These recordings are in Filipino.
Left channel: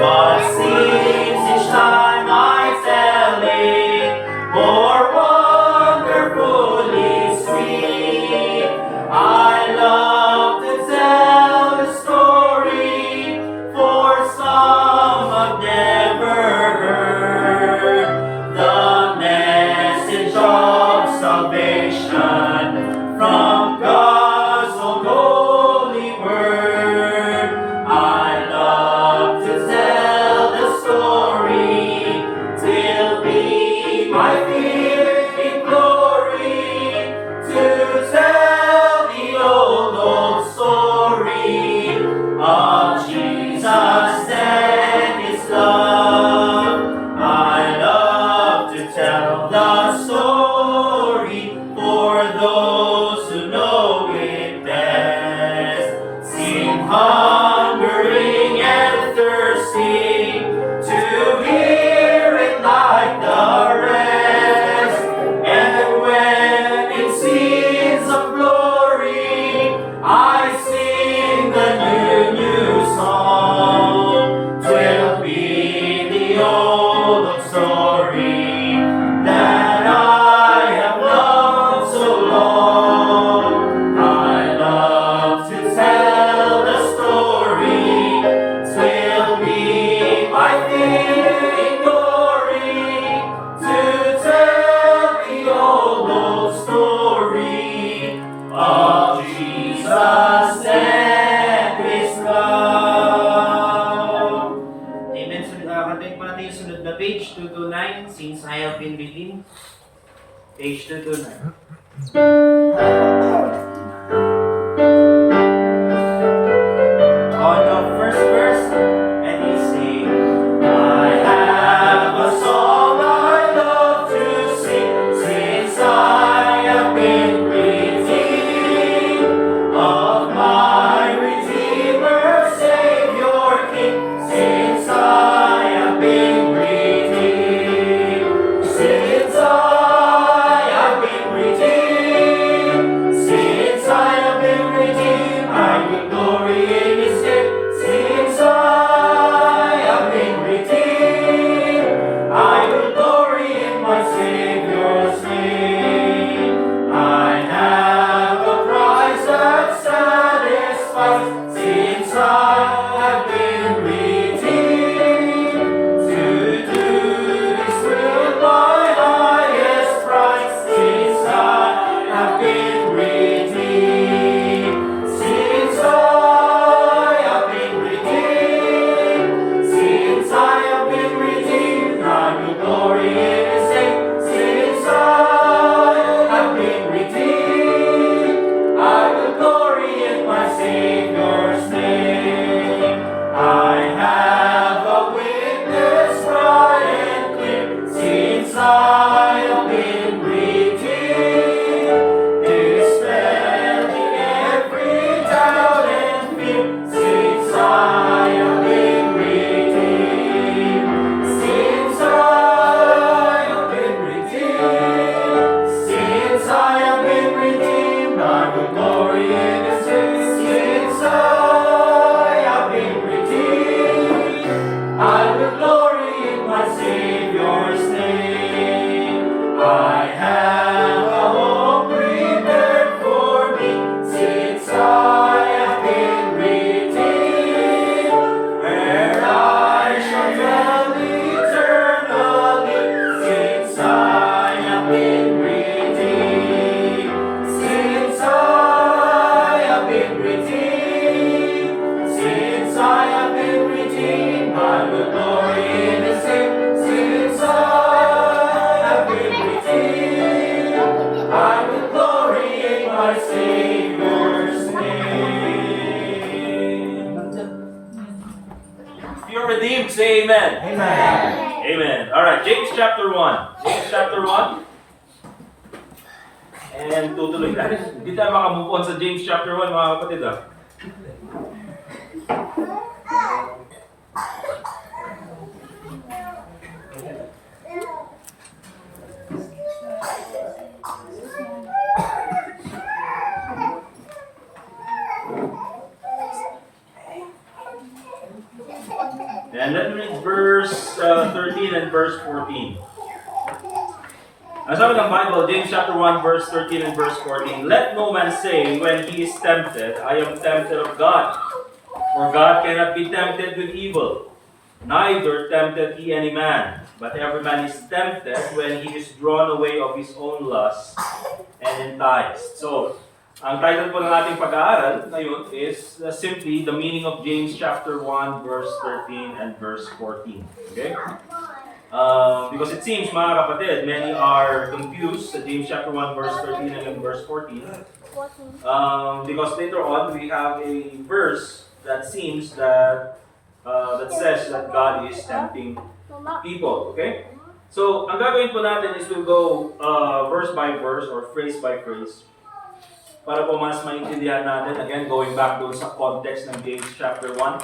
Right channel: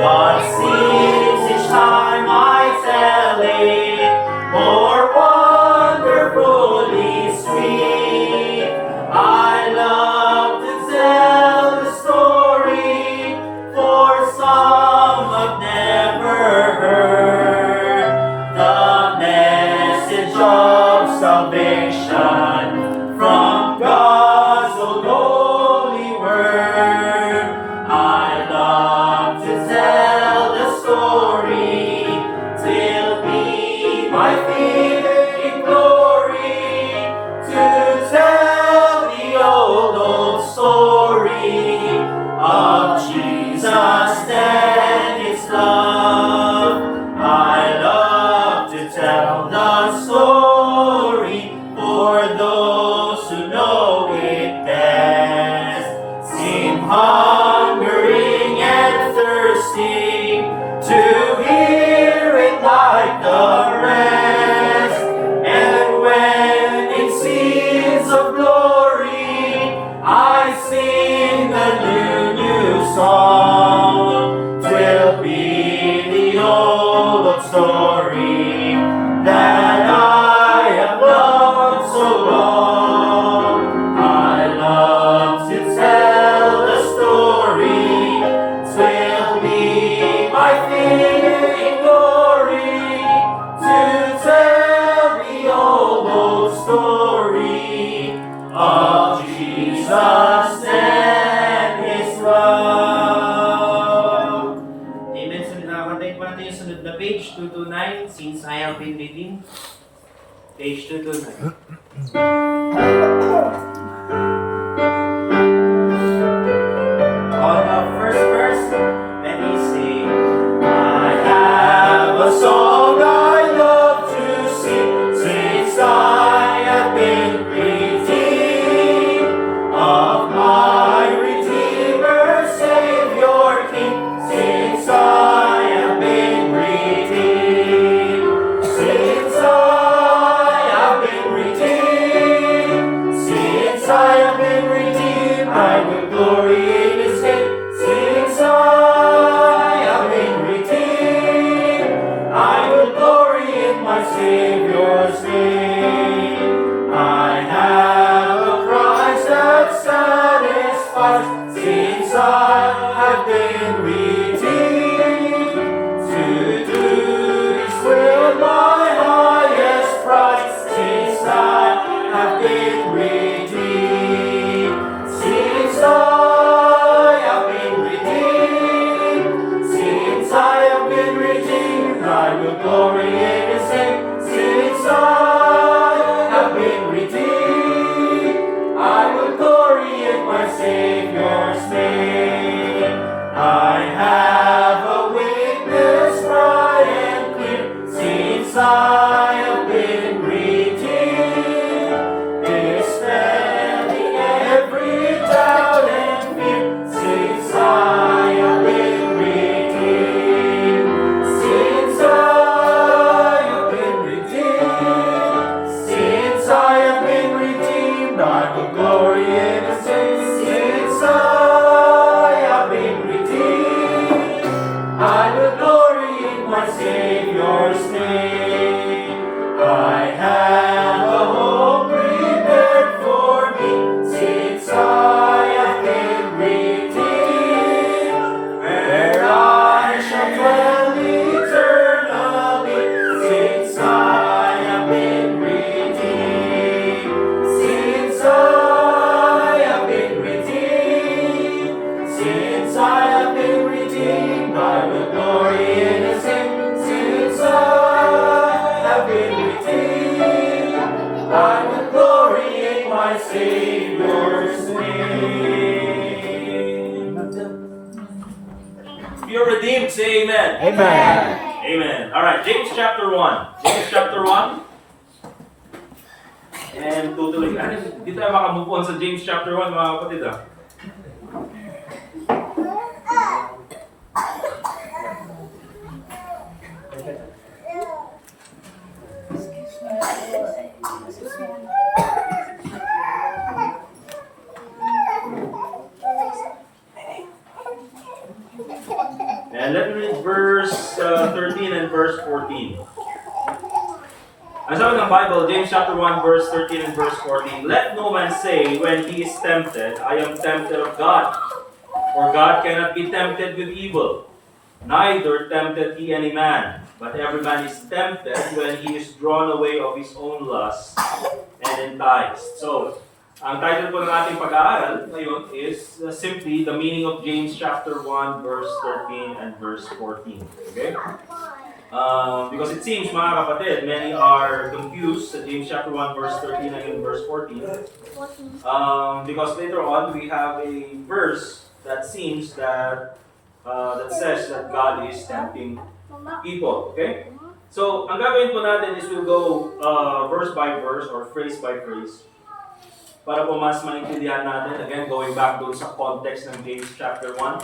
What seems each time I tell it more wonderfully sweet. I love to tell the story, for some have never heard the message of salvation from God's own holy word. I love to tell the story, will be my fitting glory, to tell the old story of Jesus and His love. I love to tell the story for those who know it best, seem hungering and thirsting to hear it like the rest. And when in scenes of glory I sing a new song, twill be the old story that I have loved so long. I love to tell the story, twill be my fitting glory, to tell the old story of Jesus and His love. Amen. So, kantahin po natin yung sunod na page, 229, Since I Have Been Redeemed. Page 229. On the first verse, and he sing, I have a song I love to sing, since I have been redeemed of my Redeemer, Savior, King, since I have been redeemed, since I have been redeemed, since I have been redeemed, I will glory in His name, since I have been redeemed, I will glory in my Savior's name. I have a price that satisfies, since I have been redeemed, to do His will my highest prize, since I have been redeemed, since I have been redeemed, since I have been redeemed, I will glory in His name, since I have been redeemed, I will glory in my Savior's name. I have a witness bright and clear, since I have been redeemed, dispelling every doubt and fear, since I have been redeemed, since I have been redeemed, since I have been redeemed, I will glory in His name, since I have been redeemed, I will glory in my Savior's name. I have a home prepared for me, since I have been redeemed, where I shall dwell eternally, since I have been redeemed, since I have been redeemed, since I have been redeemed, I will glory in His name, since I have been redeemed, I will glory in my Savior's name. If you're redeemed, say amen. Amen. Amen. All right, James chapter 1. James chapter 1. And tutuloy tayo. Hindi tayo makamove on sa James chapter 1, mga kapatid. And let me read verse 13 and verse 14. Ang sabi ng Bible, James chapter 1, verse 13 and verse 14, "Let no man say when he is tempted, I am tempted of God. For God cannot be tempted with evil, neither tempted he any man. But every man is tempted when he is drawn away of his own lust and enticed." So, ang title po ng ating pag-aaral ngayon is simply the meaning of James chapter 1, verse 13 and verse 14. Okay? Because it seems, mga kapatid, many are confused sa James chapter 1, verse 13 and verse 14. Because later on, we have a verse that seems that says that God is tempting people. Okay? So, ang gagawin po natin is we'll go verse by verse or phrase by phrase para po mas maintindihan natin. Again, going back doon sa context ng James chapter 1.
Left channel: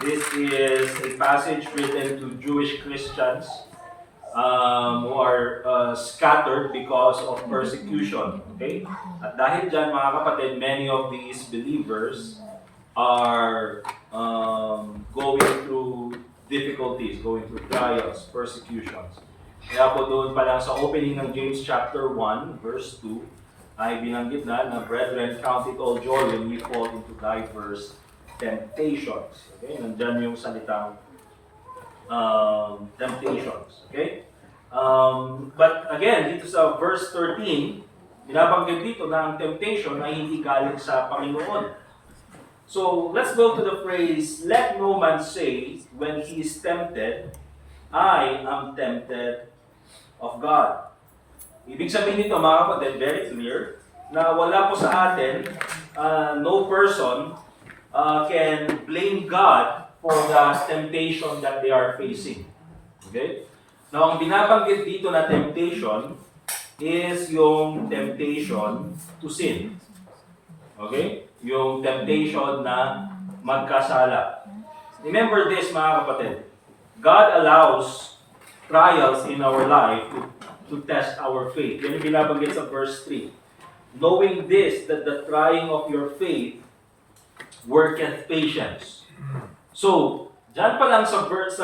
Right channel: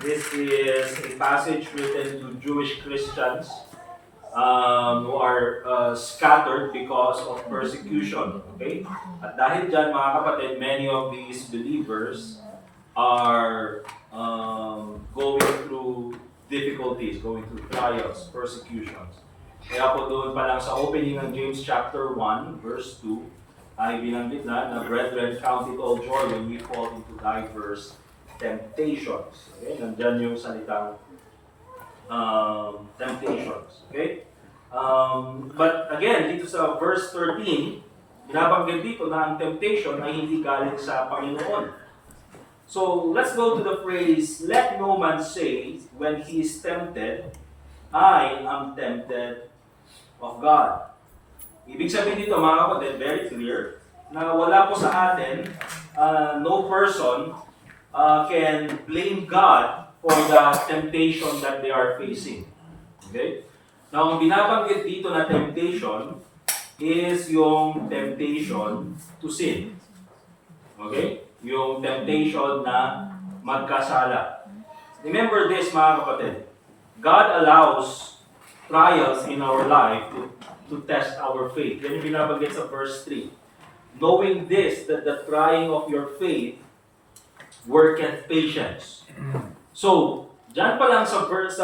This is a passage written to Jewish Christians who are scattered because of persecution. Okay? At dahil dyan, mga kapatid, many of these believers are going through difficulties, going through trials, persecutions. Kaya po doon pa lang sa opening ng James chapter 1, verse 2, ay binanggit na, "Brethren, count it all joy when we fall into diverse temptations." Okay? Nandyan yung salitang temptations. Okay? But again, dito sa verse 13, binabanggit dito na ang temptation ay hindi galing sa Panginoon. So, let's go to the phrase, "Let no man say when he is tempted, I am tempted of God." Ibig sabihin nito, mga kapatid, very clear, na wala po sa atin, no person can blame God for the temptation that they are facing. Okay? Now, ang binabanggit dito na temptation is yung temptation to sin. Okay? Yung temptation na magkasala. Remember this, mga kapatid. God allows trials in our life to test our faith. Yan yung binabanggit sa verse 3. "Knowing this, that the trying of your faith worketh patience." So, dyan pa lang sa verse,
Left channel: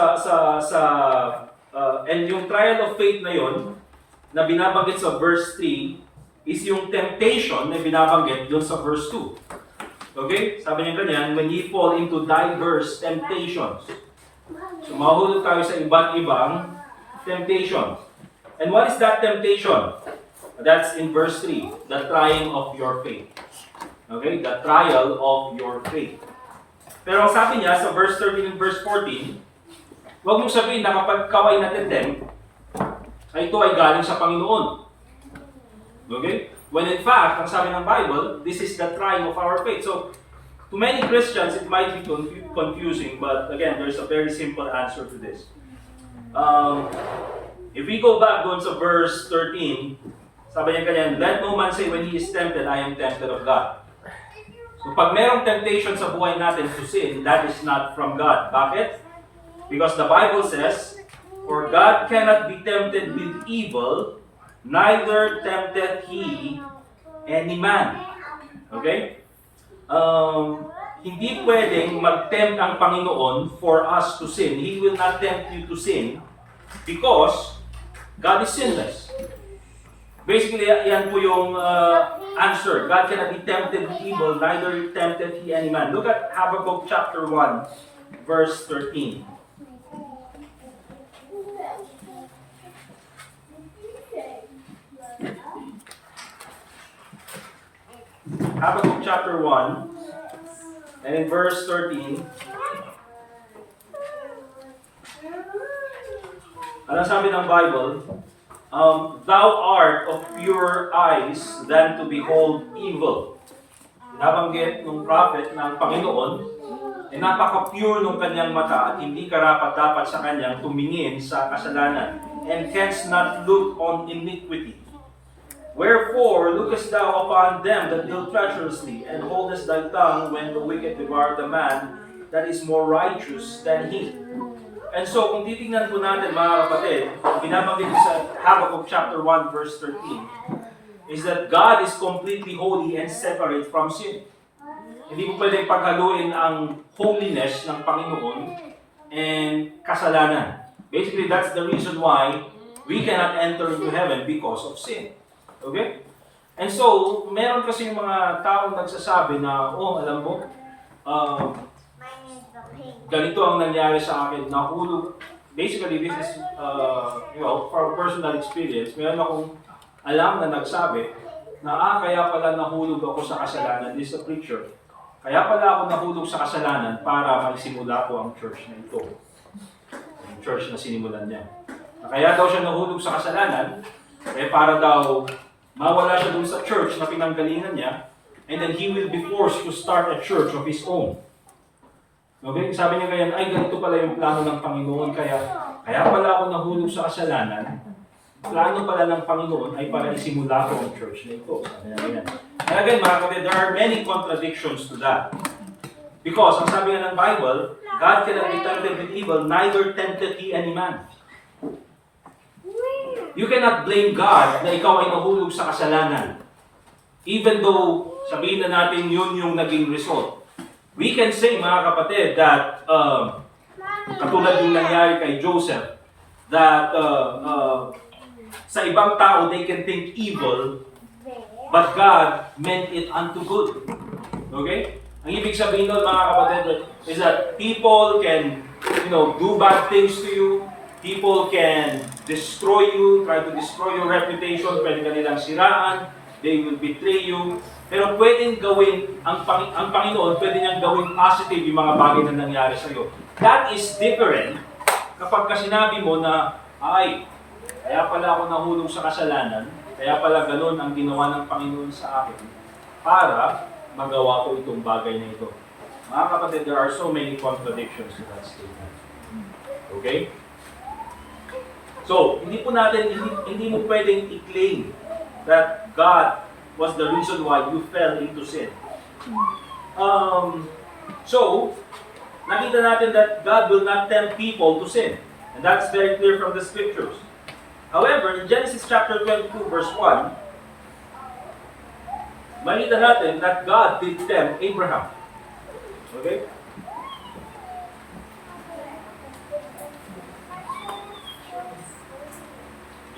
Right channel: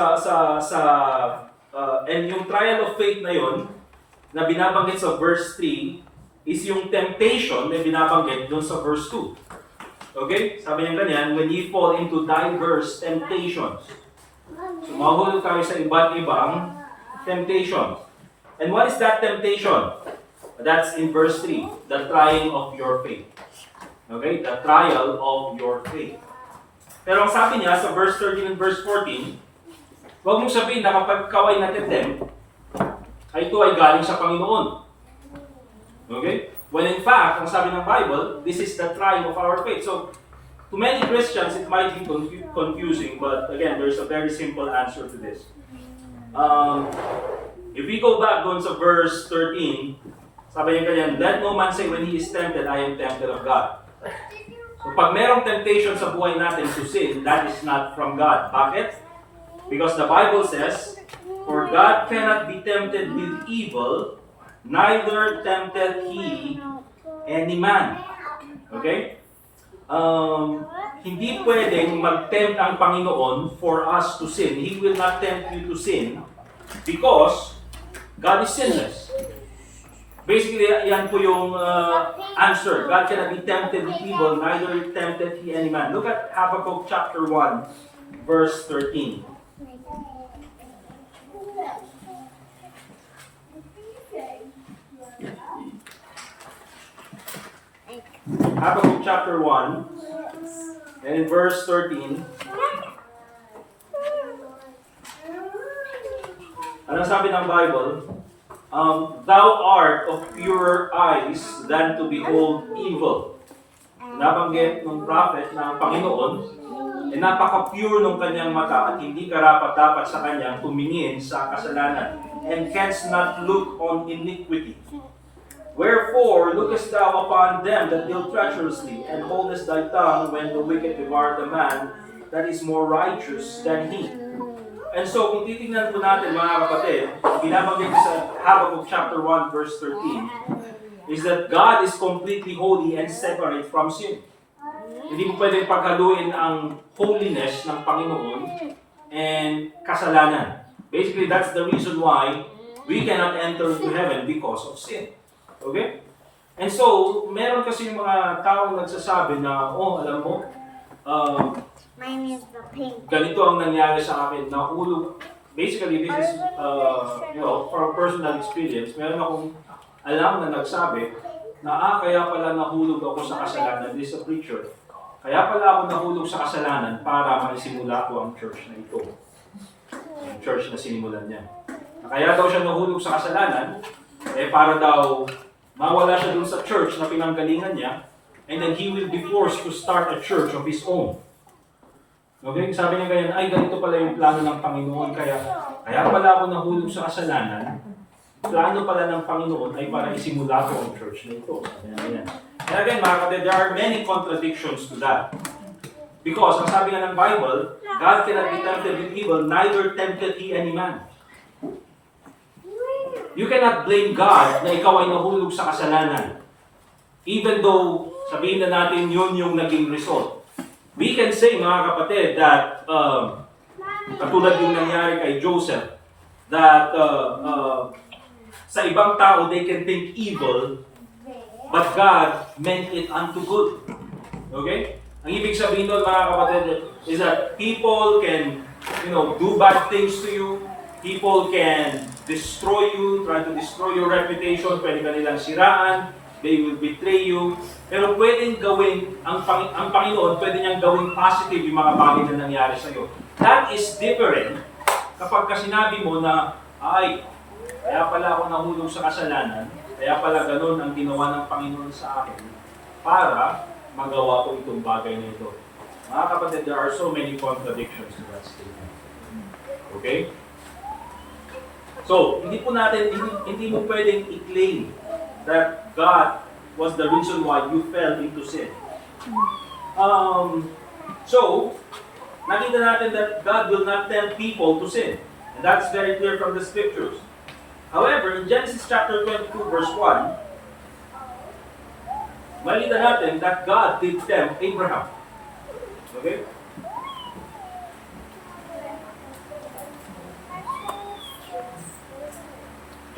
and yung trial of faith na yon na binabanggit sa verse 3 is yung temptation na binabanggit doon sa verse 2. Okay? Sabi niya ganyan, "When ye fall into diverse temptations." So, mahulog tayo sa iba't ibang temptations. And what is that temptation? That's in verse 3, the trying of your faith. Okay? The trial of your faith. Pero ang sabi niya sa verse 13 and verse 14, huwag mong sabihin na kapag ikaw ay natitempt, ay ito ay galing sa Panginoon. Okay? When in fact, ang sabi ng Bible, this is the trial of our faith. So, to many Christians, it might be confusing, but again, there's a very simple answer to this. If we go back doon sa verse 13, sabi niya ganyan, "Let no man say when he is tempted, I am tempted of God." So pag merong temptation sa buhay natin to sin, that is not from God. Bakit? Because the Bible says, "For God cannot be tempted with evil, neither tempteth he any man." Okay? Hindi pwedeng mag-tempt ang Panginoon for us to sin. He will not tempt you to sin because God is sinless. Basically, yan po yung answer. God cannot be tempted with evil, neither tempted he any man. Look at Habakkuk chapter 1, verse 13. Habakkuk chapter 1, and in verse 13, anong sabi ng Bible? "Thou art of purer eyes than to behold evil." Nabanggit ng prophet na ang Panginoon ay napaka-pure ng kanyang mata at hindi karapat-dapat sa kanyang tumingin sa kasalanan, and canst not look on iniquity. "Wherefore lookest thou upon them that deal treacherously, and holdest thy tongue when the wicked devour the man that is more righteous than he." And so, kung titingnan po natin, mga kapatid, binabanggit sa Habakkuk chapter 1, verse 13, is that God is completely holy and separate from sin. Hindi mo pwedeng paghaluin ang holiness ng Panginoon and kasalanan. Basically, that's the reason why we cannot enter into heaven because of sin. Okay? And so, meron kasi yung mga taong nagsasabi na, oh, alam mo, Mine is the pink. ganito ang nangyari sa akin, nahulog. Basically, this is, for personal experience, meron akong alam na nagsabi na, kaya pala nahulog ako sa kasalanan. This is a preacher. Kaya pala ako nahulog sa kasalanan para maisimula ko ang church na ito. Ang church na sinimulan niya. Kaya daw siya nahulog sa kasalanan, para daw mawala siya dun sa church na pinanggalingan niya, and then he will be forced to start a church of his own. Okay? Sabi niya ganyan, ay ganito pala yung plano ng Panginoon, kaya pala ako nahulog sa kasalanan. Plano pala ng Panginoon ay para isimula ko ang church na ito. Sabi niya ganyan. And again, mga kapatid, there are many contradictions to that. Because, ang sabi nga ng Bible, God cannot be tempted with evil, neither tempted he any man. You cannot blame God na ikaw ay nahulog sa kasalanan. Even though, sabihin na natin yun yung naging result. We can say, mga kapatid, that katulad yung nangyari kay Joseph, that sa ibang tao, they can think evil, but God meant it unto good. Okay? Ang ibig sabihin doon, mga kapatid, is that people can, do bad things to you. People can destroy you, try to destroy your reputation, pwede ka nilang siraan, they will betray you. Pero pwedeng gawin, ang Panginoon, pwede niyang gawin positive yung mga bagay na nangyari sa iyo. That is different kapag sinabi mo na, kaya pala ako nahulog sa kasalanan, kaya pala ganun ang ginawa ng Panginoon sa akin para magawa ko itong bagay na ito. Mga kapatid, there are so many contradictions to that statement. Okay? So, hindi mo pwedeng i-claim that God was the reason why you fell into sin. So, nakita natin that God will not tempt people to sin. And that's very clear from the scriptures. However, in Genesis chapter 22, verse 1, makita natin that God did tempt Abraham. Okay?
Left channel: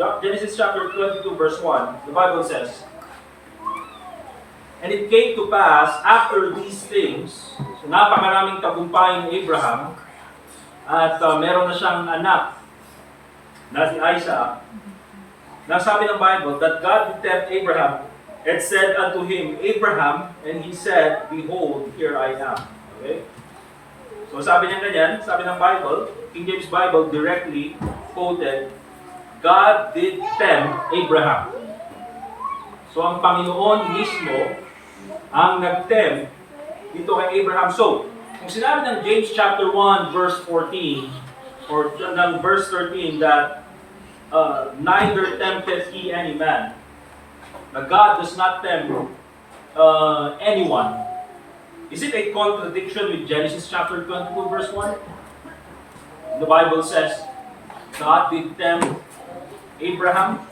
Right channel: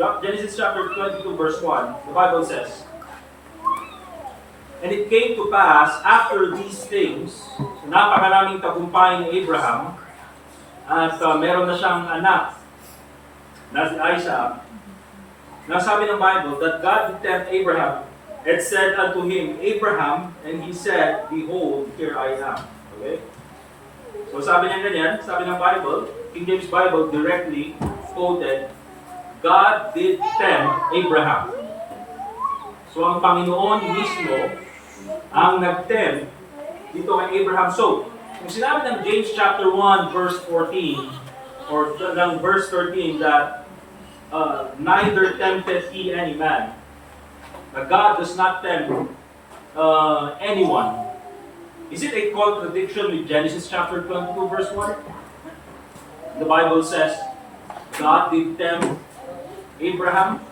Genesis chapter 22, verse 1, the Bible says, "And it came to pass after these things," so napakaraming tagumpay ni Abraham, at meron na siyang anak na si Isaac. Nasabi ng Bible that God would tempt Abraham and said unto him, "Abraham," and he said, "Behold, here I am." Okay? So sabi niya ganyan, sabi ng Bible, King James Bible directly quoted, God did tempt Abraham. So ang Panginoon mismo ang nag-tempt dito kay Abraham. So, kung sinabi ng James chapter 1 verse 14 or ng verse 13 that neither tempted he any man, God does not tempt anyone. Is it a contradiction with Genesis chapter 22 verse 1? The Bible says God did tempt Abraham.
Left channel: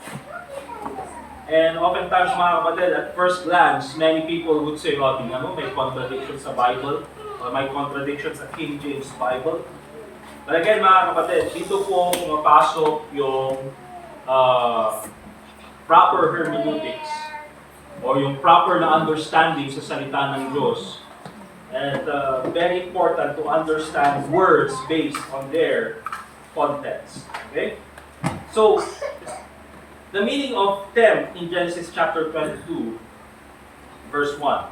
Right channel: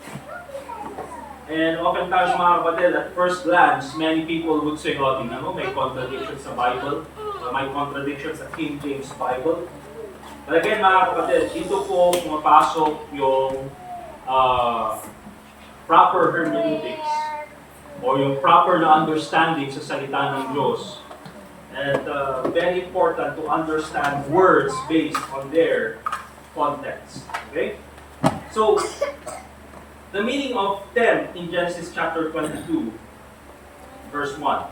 And oftentimes, mga kapatid, at first glance, many people would say, tingnan mo, may contradiction sa Bible, may contradiction sa King James Bible. But again, mga kapatid, dito po pumapasok yung proper hermeneutics o yung proper na understanding sa salita ng Diyos. And very important to understand words based on their context. Okay? So, the meaning of tempt in Genesis chapter 22, verse 1.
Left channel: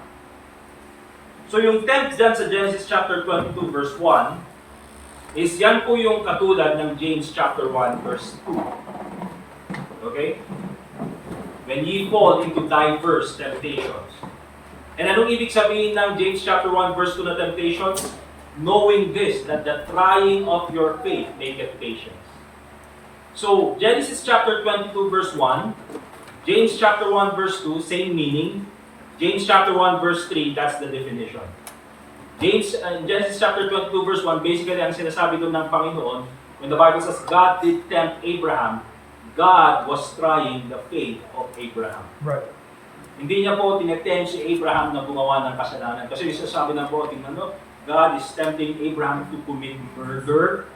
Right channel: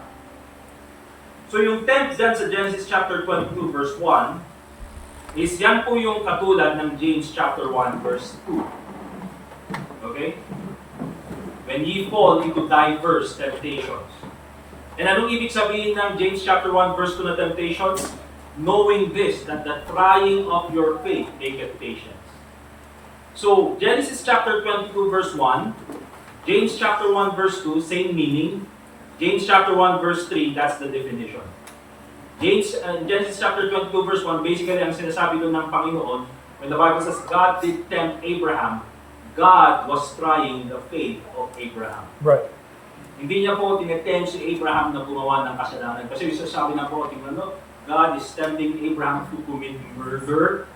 So yung tempt dyan sa Genesis chapter 22, verse 1, is yan po yung katulad ng James chapter 1, verse 2. Okay? When ye fall into diverse temptations. And anong ibig sabihin ng James chapter 1, verse 2 na temptation? Knowing this, that the trying of your faith maketh patience. So, Genesis chapter 22 verse 1, James chapter 1 verse 2, same meaning. James chapter 1 verse 3, that's the definition. Genesis chapter 22 verse 1, basically ang sinasabi doon ng Panginoon, when the Bible says, God did tempt Abraham, God was trying the faith of Abraham. Right. Hindi niya po tinetempt si Abraham na gumawa ng kasalanan. Kasi sasabi na po, tingnan mo, God is tempting Abraham to commit murder.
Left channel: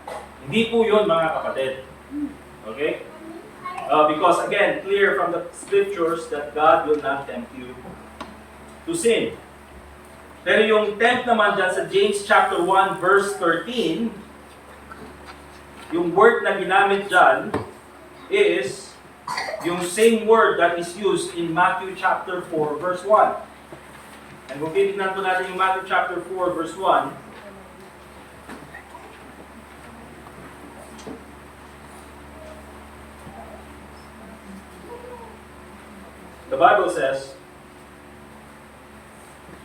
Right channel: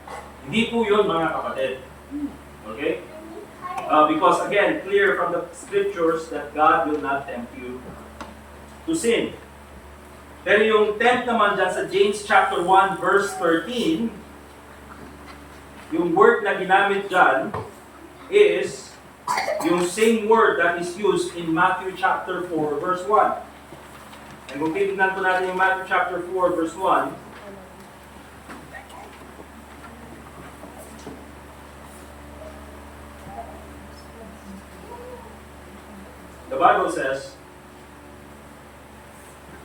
Hindi po yun, mga kapatid. Okay? Because again, clear from the scriptures that God will not tempt you to sin. Pero yung tempt naman dyan sa James chapter 1 verse 13, yung word na ginamit dyan is yung same word that is used in Matthew chapter 4 verse 1. And kung titignan po natin yung Matthew chapter 4 verse 1, the Bible says,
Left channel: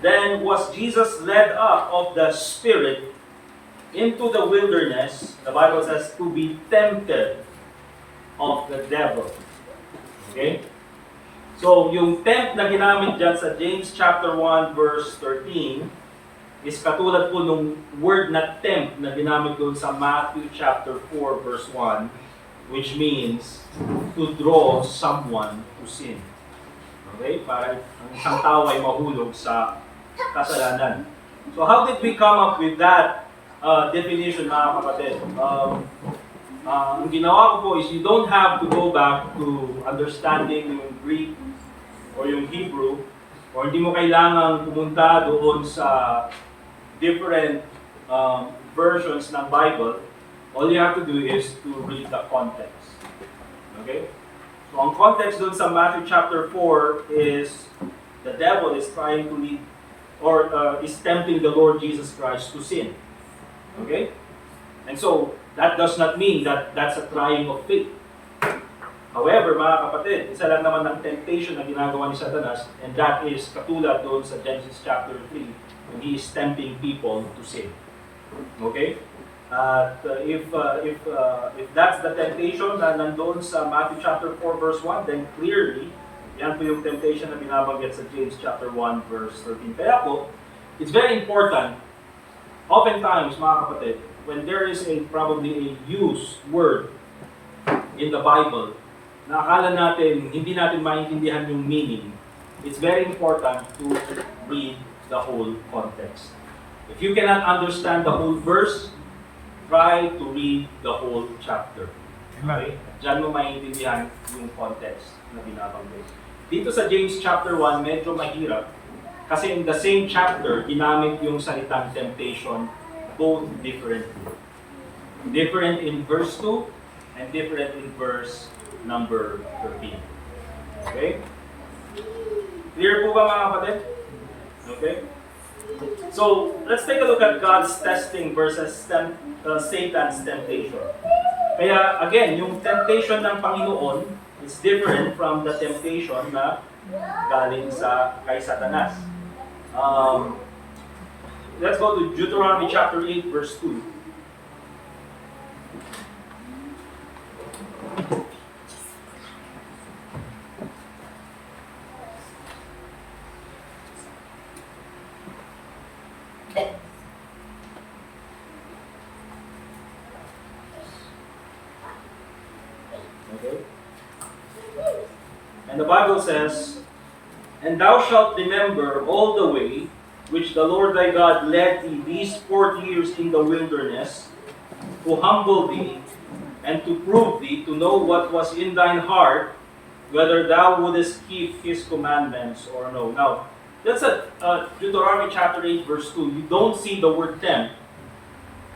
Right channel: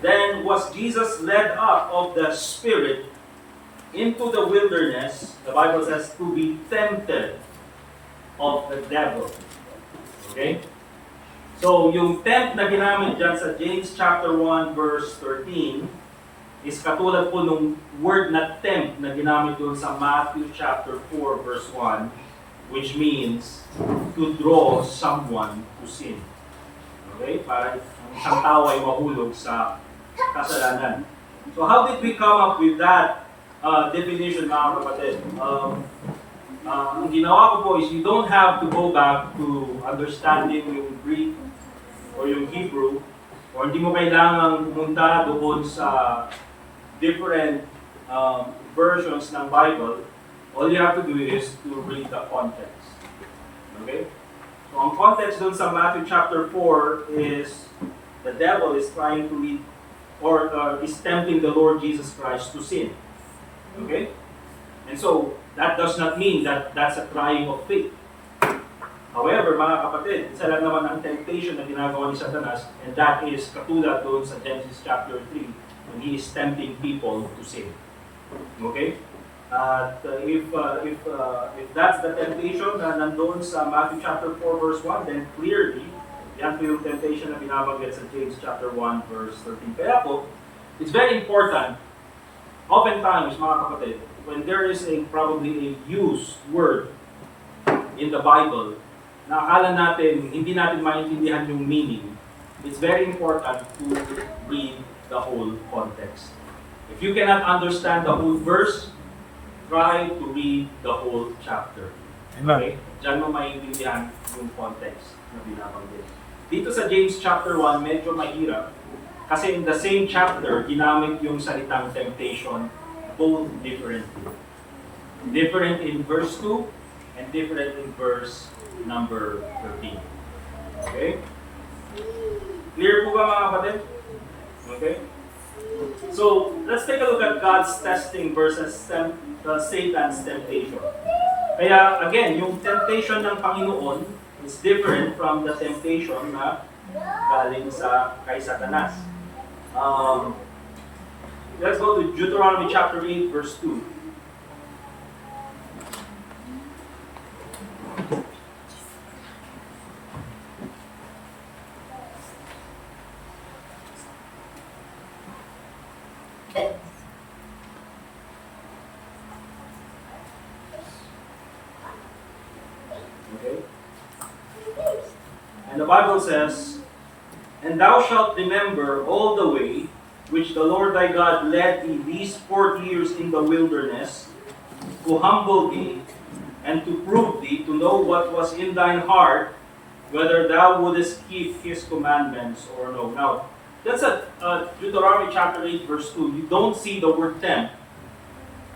"Then was Jesus led up of the Spirit into the wilderness," the Bible says, "to be tempted of the devil." Okay? So, yung tempt na ginamit dyan sa James chapter 1 verse 13 is katulad po nung word na tempt na ginamit doon sa Matthew chapter 4 verse 1, which means to draw someone to sin. Okay? Para ang isang tao ay mahulog sa kasalanan. So how did we come up with that definition, mga kapatid? Ang ginawa ko po is you don't have to go back to understanding yung Greek or yung Hebrew, or hindi mo kailangang pumunta doon sa different versions ng Bible. All you have to do is to read the context. Okay? So ang context doon sa Matthew chapter 4 is the devil is trying to lead or is tempting the Lord Jesus Christ to sin. Okay? And so, that does not mean that that's a crying of faith. However, mga kapatid, isa lang naman ang temptation na ginagawa ni Satanas, and that is katulad doon sa Genesis chapter 3 when he is tempting people to sin. Okay? At if that's the temptation na nandoon sa Matthew chapter 4 verse 1, then clearly, yan po yung temptation na binabanggit sa James chapter 1 verse 13. Kaya po, it's very important, oftentimes mga kapatid, when there is probably a used word in the Bible, na akala natin, hindi natin maintindihan yung meaning, it's very important to read the whole context. If you cannot understand the whole verse, try to read the whole chapter. Okay? Diyan mo maintindihan yung context na binabanggit. Dito sa James chapter 1, medyo mahirap. Kasi in the same chapter, ginamit yung salitang temptation, both differently. Different in verse 2 and different in verse number 13. Okay? Clear po ba, mga kapatid? Okay? So, let's take a look at God's testing versus Satan's temptation. Kaya, again, yung temptation ng Panginoon is different from the temptation na galing kay Satanas. Let's go to Deuteronomy chapter 8, verse 2. Okay? And the Bible says, "And thou shalt remember all the way which the Lord thy God led thee these 40 years in the wilderness, to humble thee, and to prove thee, to know what was in thine heart, whether thou wouldest keep his commandments or no." Now, that's at Deuteronomy chapter 8, verse 2. You don't see the word tempt.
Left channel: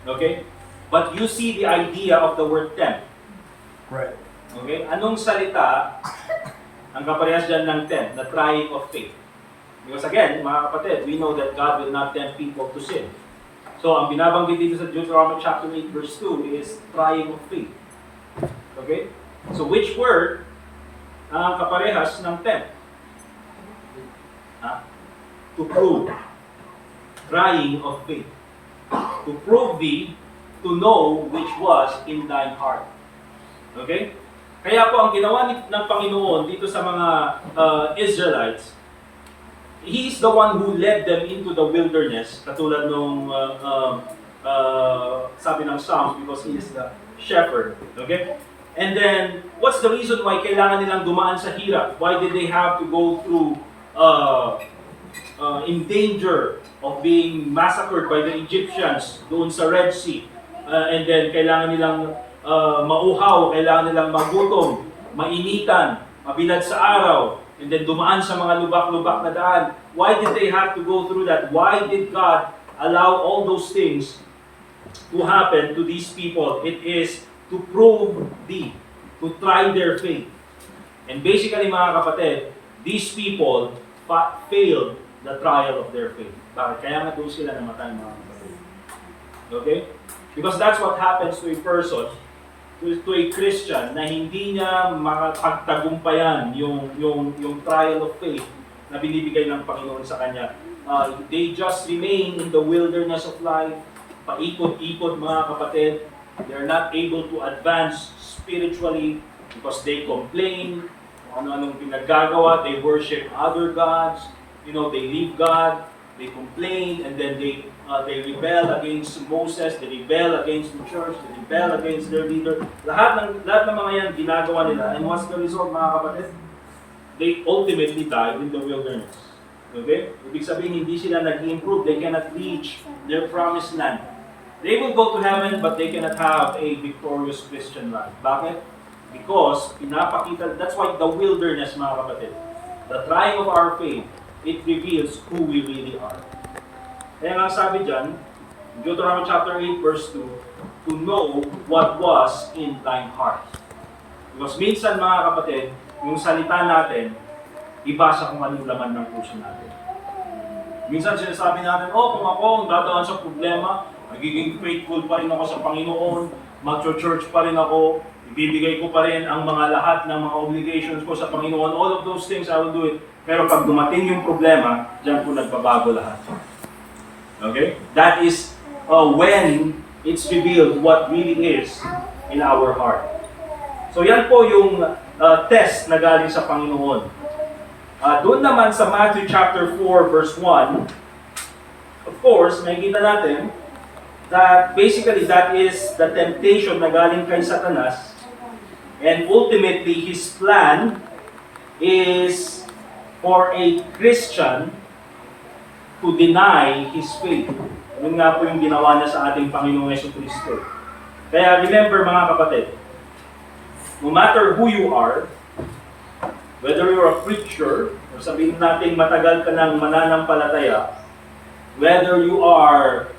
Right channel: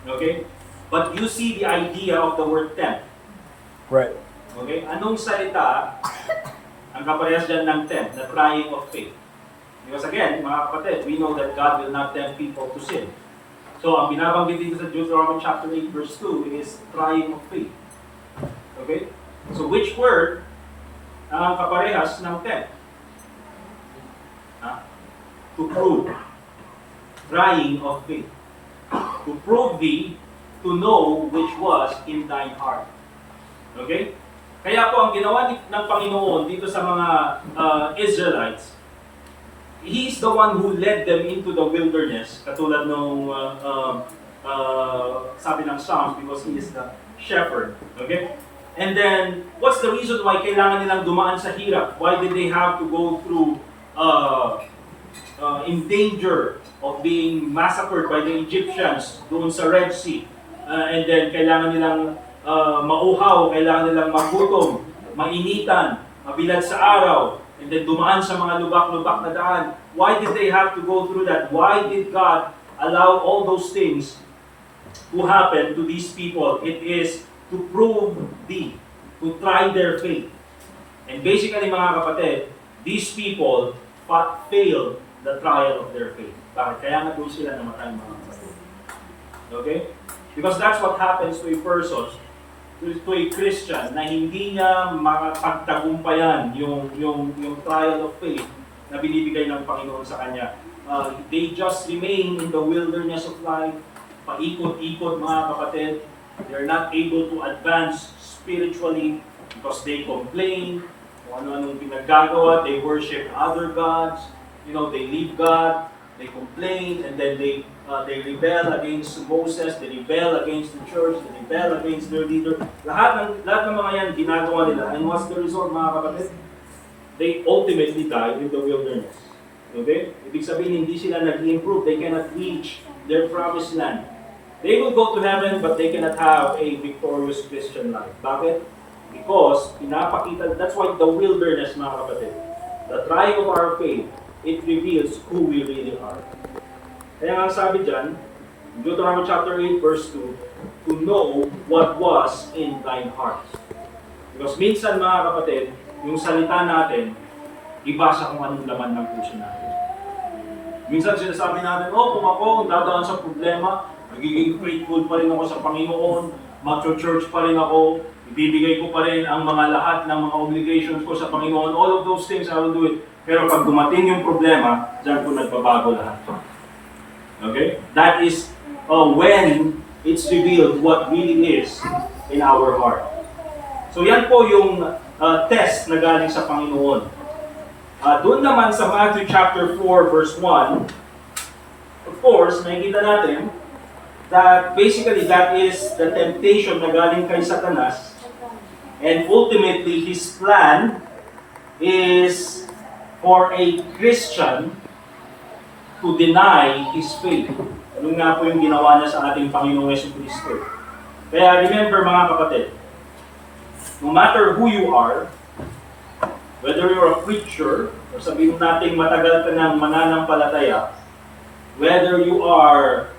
Okay? But you see the idea of the word tempt. Right. Okay? Anong salita ang kaparehas dyan ng tempt? The trying of faith. Because again, mga kapatid, we know that God will not tempt people to sin. So, ang binabanggit dito sa Deuteronomy chapter 8, verse 2 is trying of faith. Okay? So, which word ang kaparehas ng tempt? To prove. Trying of faith. To prove thee, to know which was in thine heart. Okay? Kaya po ang ginawa ng Panginoon dito sa mga Israelites, He is the one who led them into the wilderness, katulad nung sabi ng Psalms, because He is the shepherd. Okay? And then, what's the reason why kailangan nilang dumaan sa hirap? Why did they have to go through in danger of being massacred by the Egyptians doon sa Red Sea. And then kailangan nilang mauhaw, kailangan nilang magutom, mainitan, mabilad sa araw, and then dumaan sa mga lubak-lubak na daan. Why did they have to go through that? Why did God allow all those things to happen to these people? It is to prove to try their faith. And basically mga kapatid, these people failed the trial of their faith. Bakit? Kaya nga doon sila namatay mga kapatid. Okay? Because that's what happens to a person, to a Christian, na hindi niya makapagtagumpayan yung trial of faith na binibigay ng Panginoon sa kanya. They just remain in the wilderness of life, paikot-ikot mga kapatid. They're not able to advance spiritually because they complain, kung ano-anong pinaggagawa, they worship other gods, they leave God, they complain, and then they rebel against Moses, they rebel against the church, they rebel against their leader. Lahat ng mga yan ginagawa nila. And what's the result mga kapatid? They ultimately die in the wilderness. Okay? Ibig sabihin, hindi sila nag-improve. They cannot reach their promised land. They will go to heaven, but they cannot have a victorious Christian life. Bakit? Because pinapakita, that's why the wilderness mga kapatid, the trying of our faith, it reveals who we really are. Kaya nga sabi dyan, Deuteronomy chapter 8 verse 2, to know what was in thine heart. Because minsan mga kapatid, yung salita natin, iba sa kung anong laman ng puso natin. Minsan sinasabi natin, kung ako dadaan sa problema, magiging faithful pa rin ako sa Panginoon, mag-church pa rin ako, ibibigay ko pa rin ang mga lahat ng mga obligations ko sa Panginoon, all of those things I will do it. Pero pag dumating yung problema, dyan po nagbabago lahat. Okay? That is when it's revealed what really is in our heart. So yan po yung test na galing sa Panginoon. Doon naman sa Matthew chapter 4 verse 1, of course, makikita natin that basically that is the temptation na galing kay Satanas, and ultimately his plan is for a Christian to deny his faith. Ano nga po yung ginawa niya sa ating Panginoong Jesucristo. Kaya remember mga kapatid, no matter who you are, whether you're a preacher, or sabihin natin matagal ka ng mananampalataya, whether you are,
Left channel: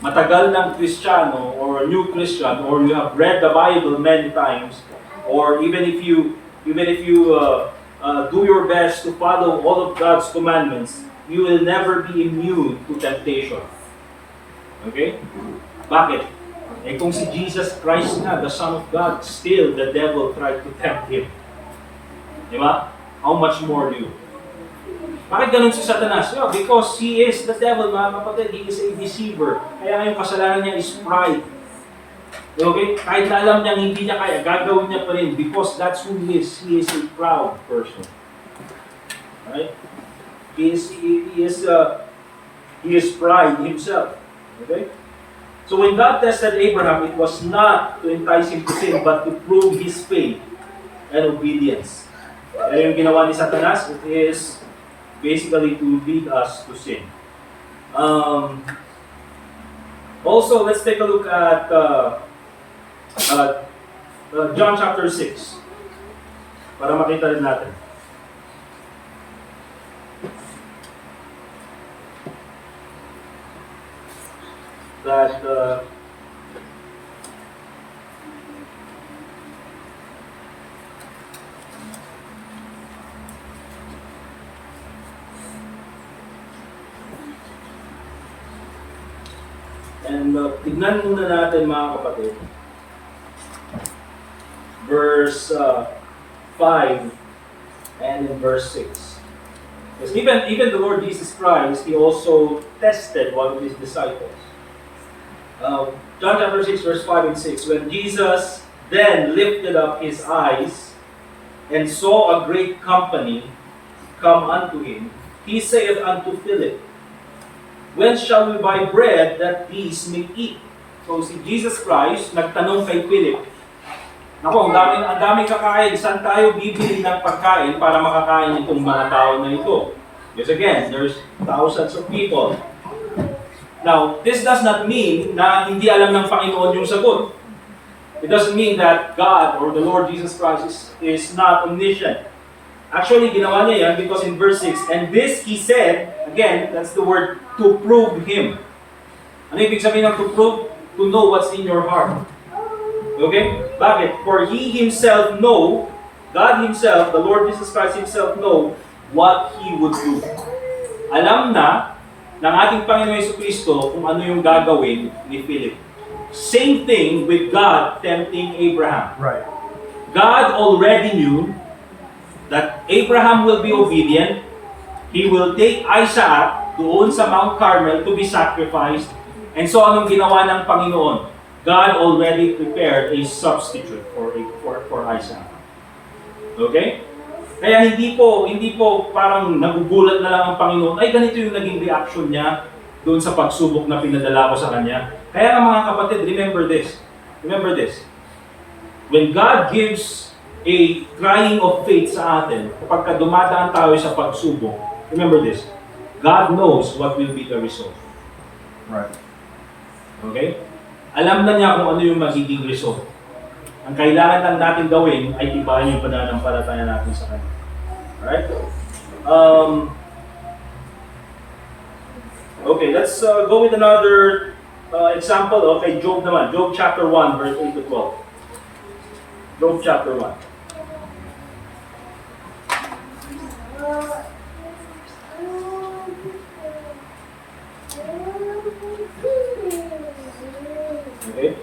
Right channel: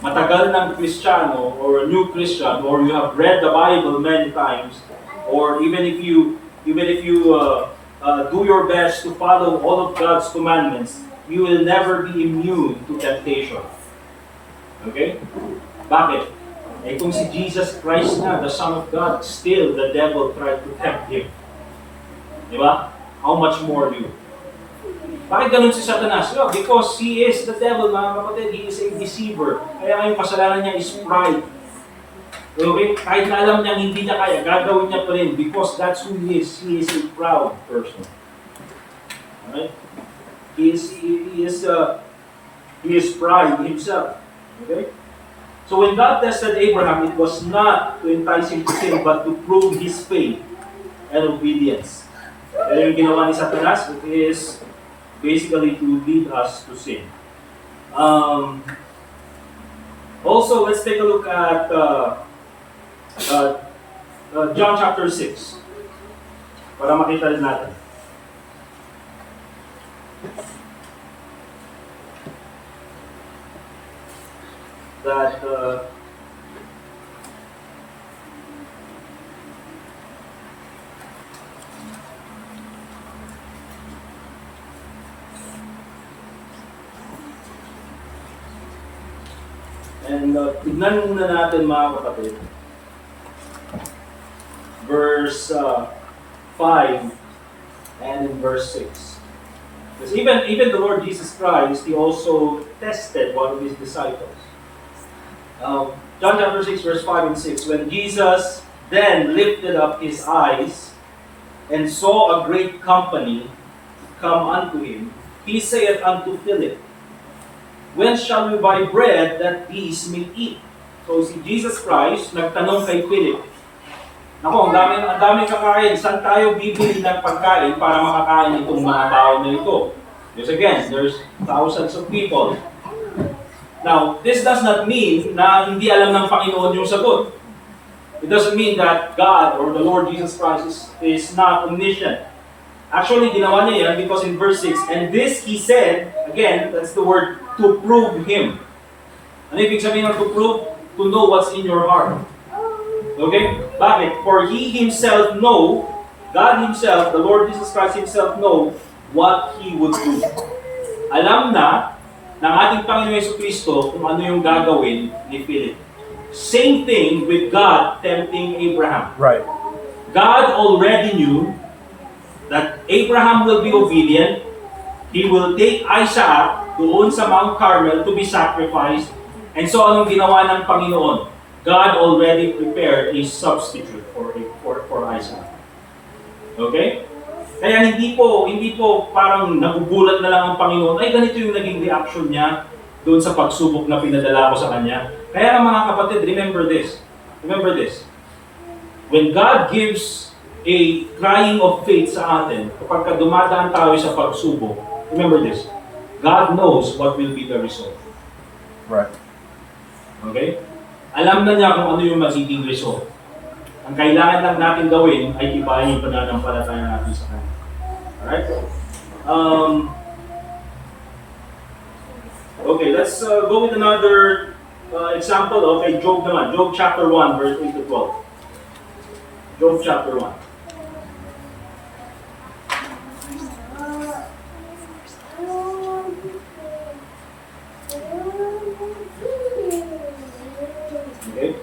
matagal ng Kristiyano, or a new Christian, or you have read the Bible many times, or even if you do your best to follow all of God's commandments, you will never be immune to temptation. Okay? Bakit? Kung si Jesus Christ na, the Son of God, still the devil tried to tempt Him. Di ba? How much more you? Bakit ganun si Satanas? Because he is the devil, mga kapatid. He is a deceiver. Kaya ngayong kasalanan niya is pride. Okay? Kahit na alam niya hindi niya kaya, gagawin niya pa rin because that's who he is. He is a proud person. Right? He is pride himself. Okay? So when God tested Abraham, it was not to entice him to sin, but to prove his faith and obedience. Kaya yung ginawa ni Satanas, it is basically to lead us to sin. Also, let's take a look at John chapter 6 para makita rin natin. That and tignan muna natin mga kapatid, verse 5 and in verse 6. Because even the Lord Jesus Christ, He also tested one of His disciples. John chapter 6 verse 5 and 6, when Jesus then lifted up His eyes and saw a great company come unto Him, He saith unto Philip, Whence shall we buy bread that these may eat? So si Jesus Christ nagtanong kay Philip, Ako, ang daming kakain. Saan tayo bibili ng pagkain para makakain itong mga tao na ito? Because again, there's thousands of people. Now, this does not mean na hindi alam ng Panginoon yung sagot. It doesn't mean that God or the Lord Jesus Christ is not omniscient. Actually, ginawa niya yan because in verse 6, and this he said, again, that's the word, to prove Him. Ano ibig sabihin ng to prove? To know what's in your heart. Okay? Bakit? For He Himself know, God Himself, the Lord Jesus Christ Himself know what He would do. Alam na ng ating Panginoon Jesucristo kung ano yung gagawin ni Philip. Same thing with God tempting Abraham. Right. God already knew that Abraham will be obedient. He will take Isaac doon sa Mount Carmel to be sacrificed. And so anong ginawa ng Panginoon? God already prepared a substitute for Isaac. Okay? Kaya hindi po parang nagugulat na lang ang Panginoon, ay ganito yung naging reaction niya doon sa pagsubok na pinadala ko sa kanya. Kaya nga mga kapatid, remember this. Remember this. When God gives a crying of faith sa atin, kapag dumadaan tayo sa pagsubok, remember this. God knows what will be the result. Right. Okay? Alam na niya kung ano yung magiging result. Ang kailangan lang natin gawin ay tibayan yung pananampalataya natin sa Kanya. Alright? Okay, let's go with another example. Okay, Job naman. Job chapter 1, verse 8 to 12. Job chapter 1. Okay?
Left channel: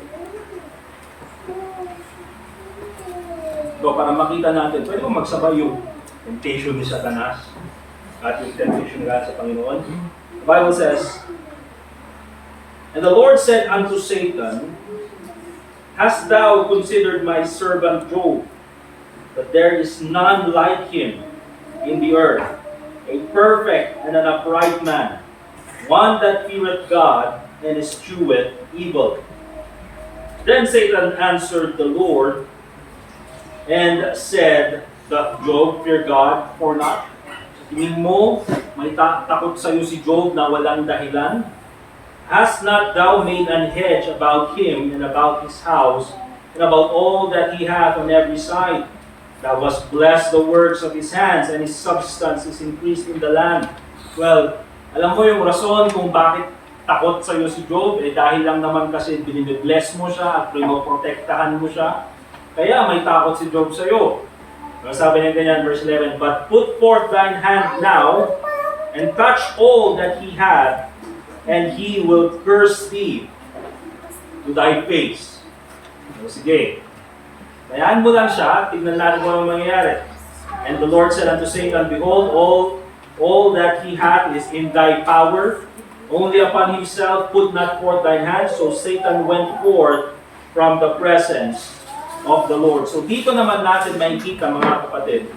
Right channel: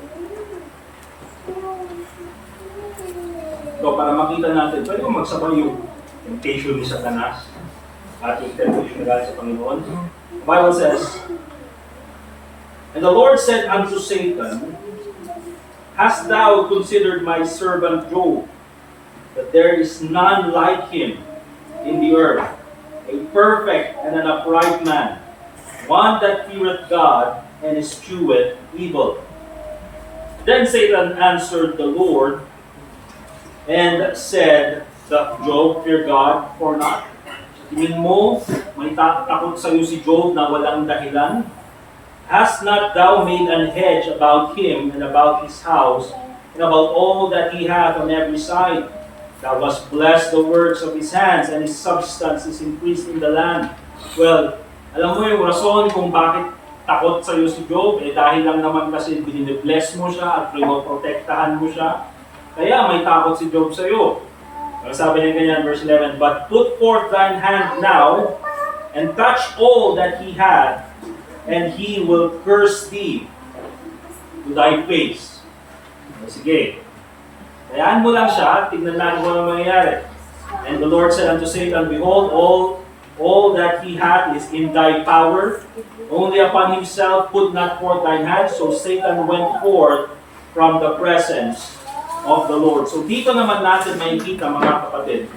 So, para makita natin, pwede mo magsabay yung temptation ni Satanas at yung temptation ni God sa Panginoon. The Bible says, and the Lord said unto Satan, hast thou considered my servant Job, that there is none like him in the earth, a perfect and an upright man, one that feareth God and escheweth evil. Then Satan answered the Lord and said, doth Job fear God or not? Tingin mo, may takot sa iyo si Job na walang dahilan? Hast not thou made an hedge about him and about his house and about all that he hath on every side? Thou hast blessed the works of his hands, and his substance is increased in the land. Well, alam mo yung rason kung bakit takot sa iyo si Job, dahil lang naman kasi binibless mo siya at pinoprotektahan mo siya. Kaya may takot si Job sa iyo. Sabi niya ganyan, verse 11, but put forth thine hand now, and touch all that he had, and he will curse thee to thy face. O sige. Kayaan mo lang siya, tignan natin kung ano mangyayari. And the Lord said unto Satan, behold, all that he hath is in thy power. Only upon himself put not forth thine hand. So Satan went forth from the presence of the Lord. So dito naman natin makikita, mga kapatid,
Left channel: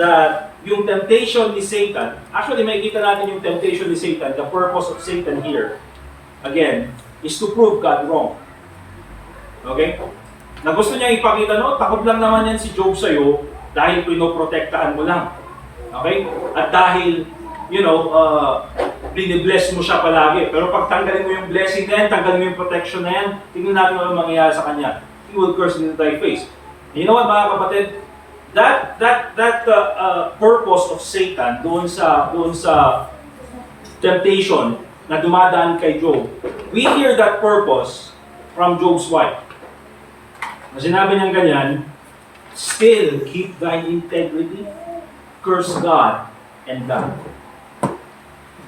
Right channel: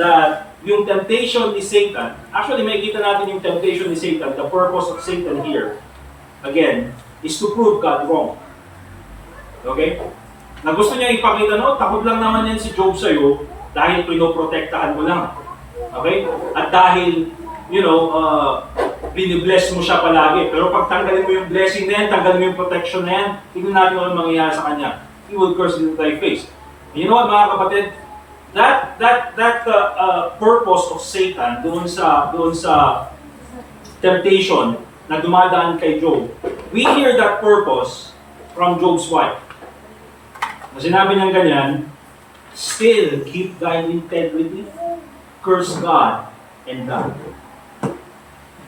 that yung temptation ni Satan, actually makikita natin yung temptation ni Satan, the purpose of Satan here, again, is to prove God wrong. Okay? Na gusto niya ipakita, no, takot lang naman yan si Job sa'yo dahil pinoprotektahan mo lang. Okay? At dahil, binibless mo siya palagi. Pero pag tanggalin mo yung blessing na yan, tanggalin mo yung protection na yan, tingnan natin ano mangyayari sa kanya. He will curse into thy face. And you know what, mga kapatid? That purpose of Satan doon sa temptation na dumadaan kay Job, we hear that purpose from Job's wife. Na sinabi niyang ganyan, still keep thine integrity, curse God and die.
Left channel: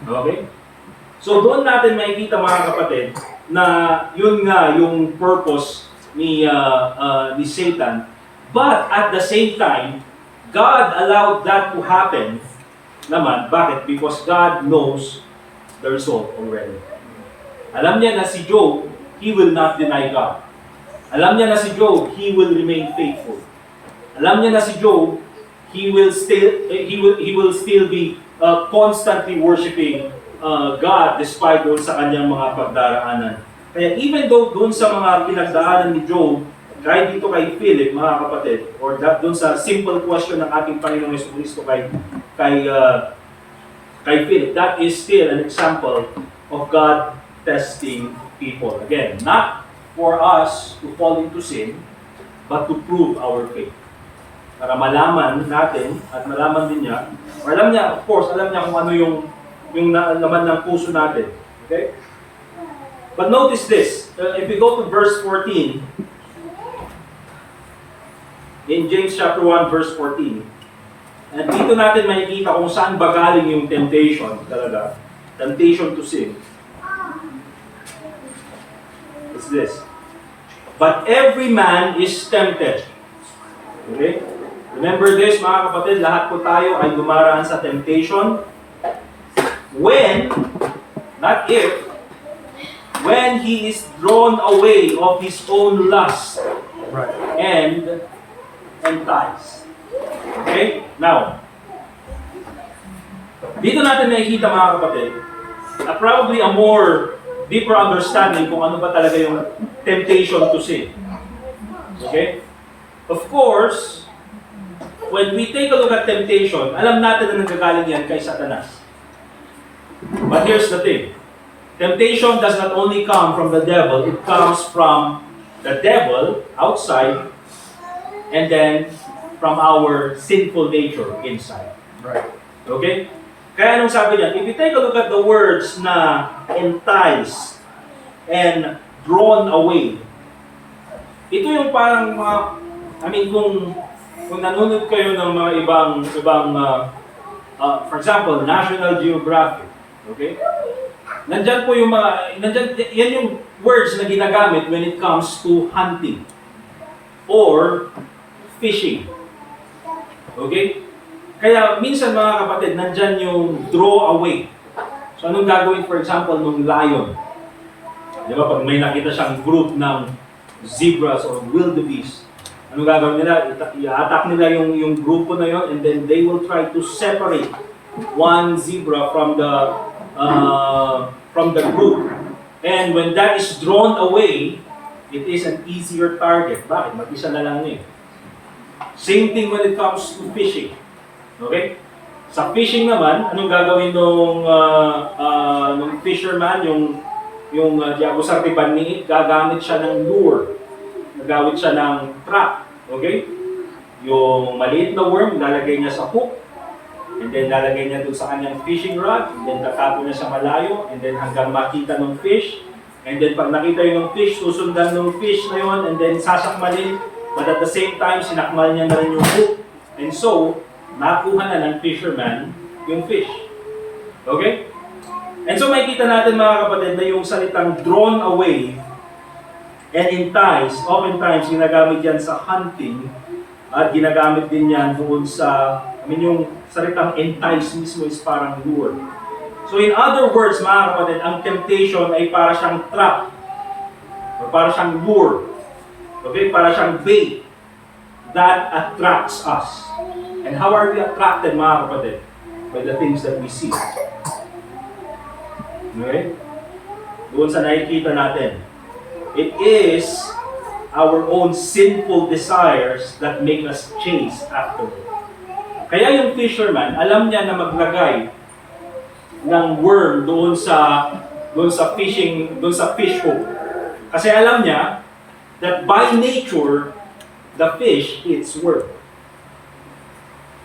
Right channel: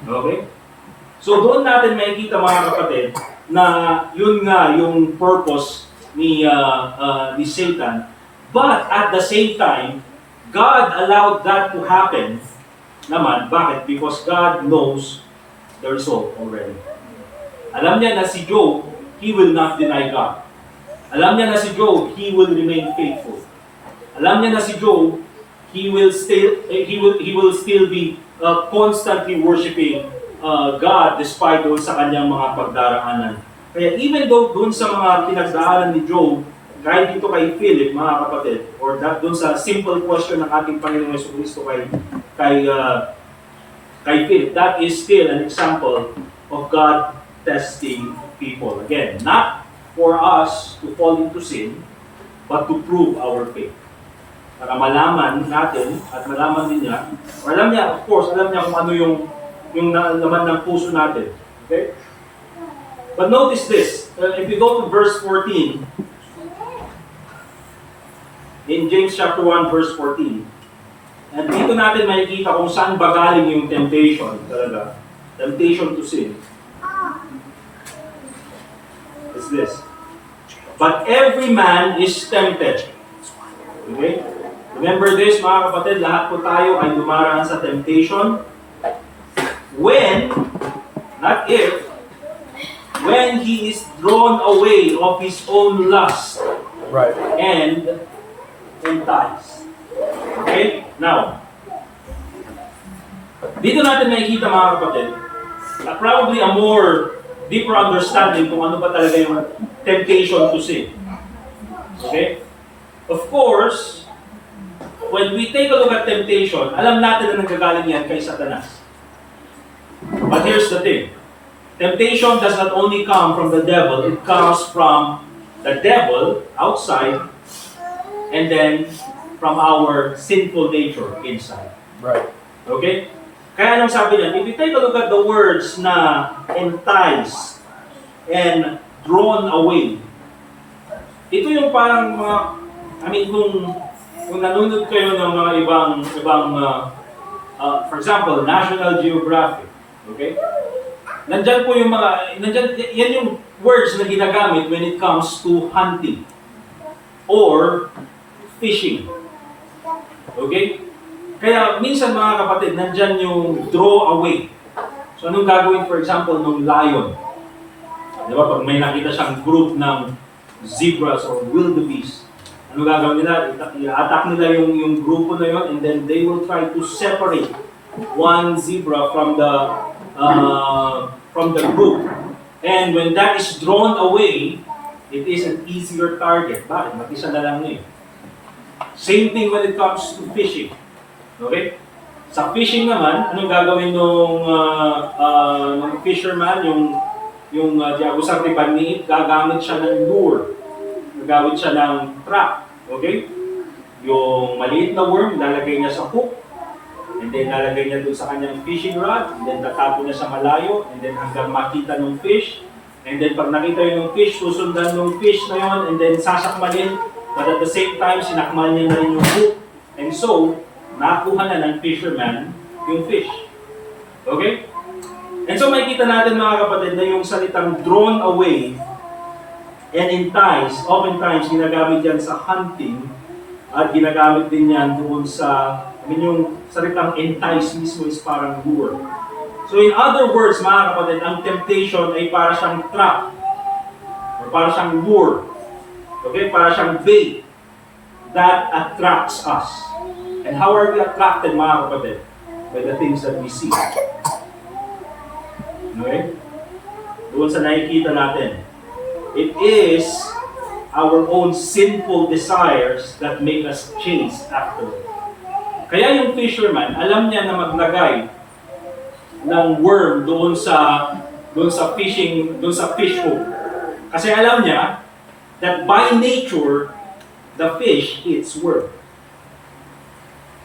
Okay? So doon natin makikita, mga kapatid, na yun nga yung purpose ni Satan. But at the same time, God allowed that to happen naman. Bakit? Because God knows the result already. Alam niya na si Job, he will not deny God. Alam niya na si Job, he will remain faithful. Alam niya na si Job, he will still be constantly worshiping God despite doon sa kanyang mga pagdaraanan. Kaya even though doon sa mga pinagdaanan ni Job, kahit dito kay Philip, mga kapatid, or doon sa simple question ng ating Panginoong Jesucristo kay Philip, that is still an example of God testing people. Again, not for us to fall into sin, but to prove our faith. Para malaman natin at malaman din niya, or alam niya, of course, alam niya kung ano yung laman ng puso natin. Okay? But notice this, if we go to verse 14, in James chapter 1, verse 14, and dito natin makikita kung saan ba galing yung temptation talaga, temptation to sin. It's this. But every man is tempted. Okay? Remember this, mga kapatid, lahat po tayo ay dumaraan sa temptation. When, not if, when he is drawn away of his own lust and enticed. Okay? Now, dito natin makikita, mga kapatid, probably a more deeper understanding kung ano ba talaga yung temptation to sin. Okay? Of course, when we take a look at temptation, alam natin na nanggagaling yan kay Satanas. But here's the thing. Temptation does not only come from the devil, it comes from the devil outside and then from our sinful nature inside. Right. Okay? Kaya anong sabi niya, if you take a look at the words na entice and drawn away, ito yung parang mga, kung nanonood kayo ng mga ibang for example, National Geographic, okay? Nandyan po yung yan yung words na ginagamit when it comes to hunting or fishing. Okay? Kaya minsan, mga kapatid, nandyan yung draw away. So anong gagawin, for example, ng lion? Di ba, pag may nakita siyang group ng zebras or wildebeest, ano gagawin nila? I-attack nila yung grupo na yon, and then they will try to separate one zebra from the group. And when that is drawn away, it is an easier target. Bakit? Mag-isa na lang eh. Same thing when it comes to fishing. Okay? Sa fishing naman, anong gagawin nung fisherman, yung Diagosar de Baniit, gagamit siya ng lure. Gagamit siya ng trap. Okay? Yung maliit na worm, lalagay niya sa hook, and then lalagay niya doon sa kanyang fishing rod, and then tatapon niya sa malayo, and then hanggang makita ng fish, and then pag nakita yung fish, susundan ng fish na yun, and then sasakmalin, but at the same time, sinakmal niya na rin yung hook, and so, nakuha na ng fisherman yung fish. Okay? And so makikita natin, mga kapatid, na yung salitang drawn away and enticed, oftentimes ginagamit yan sa hunting at ginagamit din yan doon sa, yung salitang entice mismo is parang lure. So in other words, mga kapatid, ang temptation ay para siyang trap or para siyang lure. Okay? Para siyang bait that attracts us. And how are we attracted, mga kapatid? By the things that we see. Okay? Doon sa nakikita natin. It is our own sinful desires that make us chase after it. Kaya yung fisherman, alam niya na maglagay ng worm doon sa fish hook. Kasi alam niya that by nature, the fish eats worm.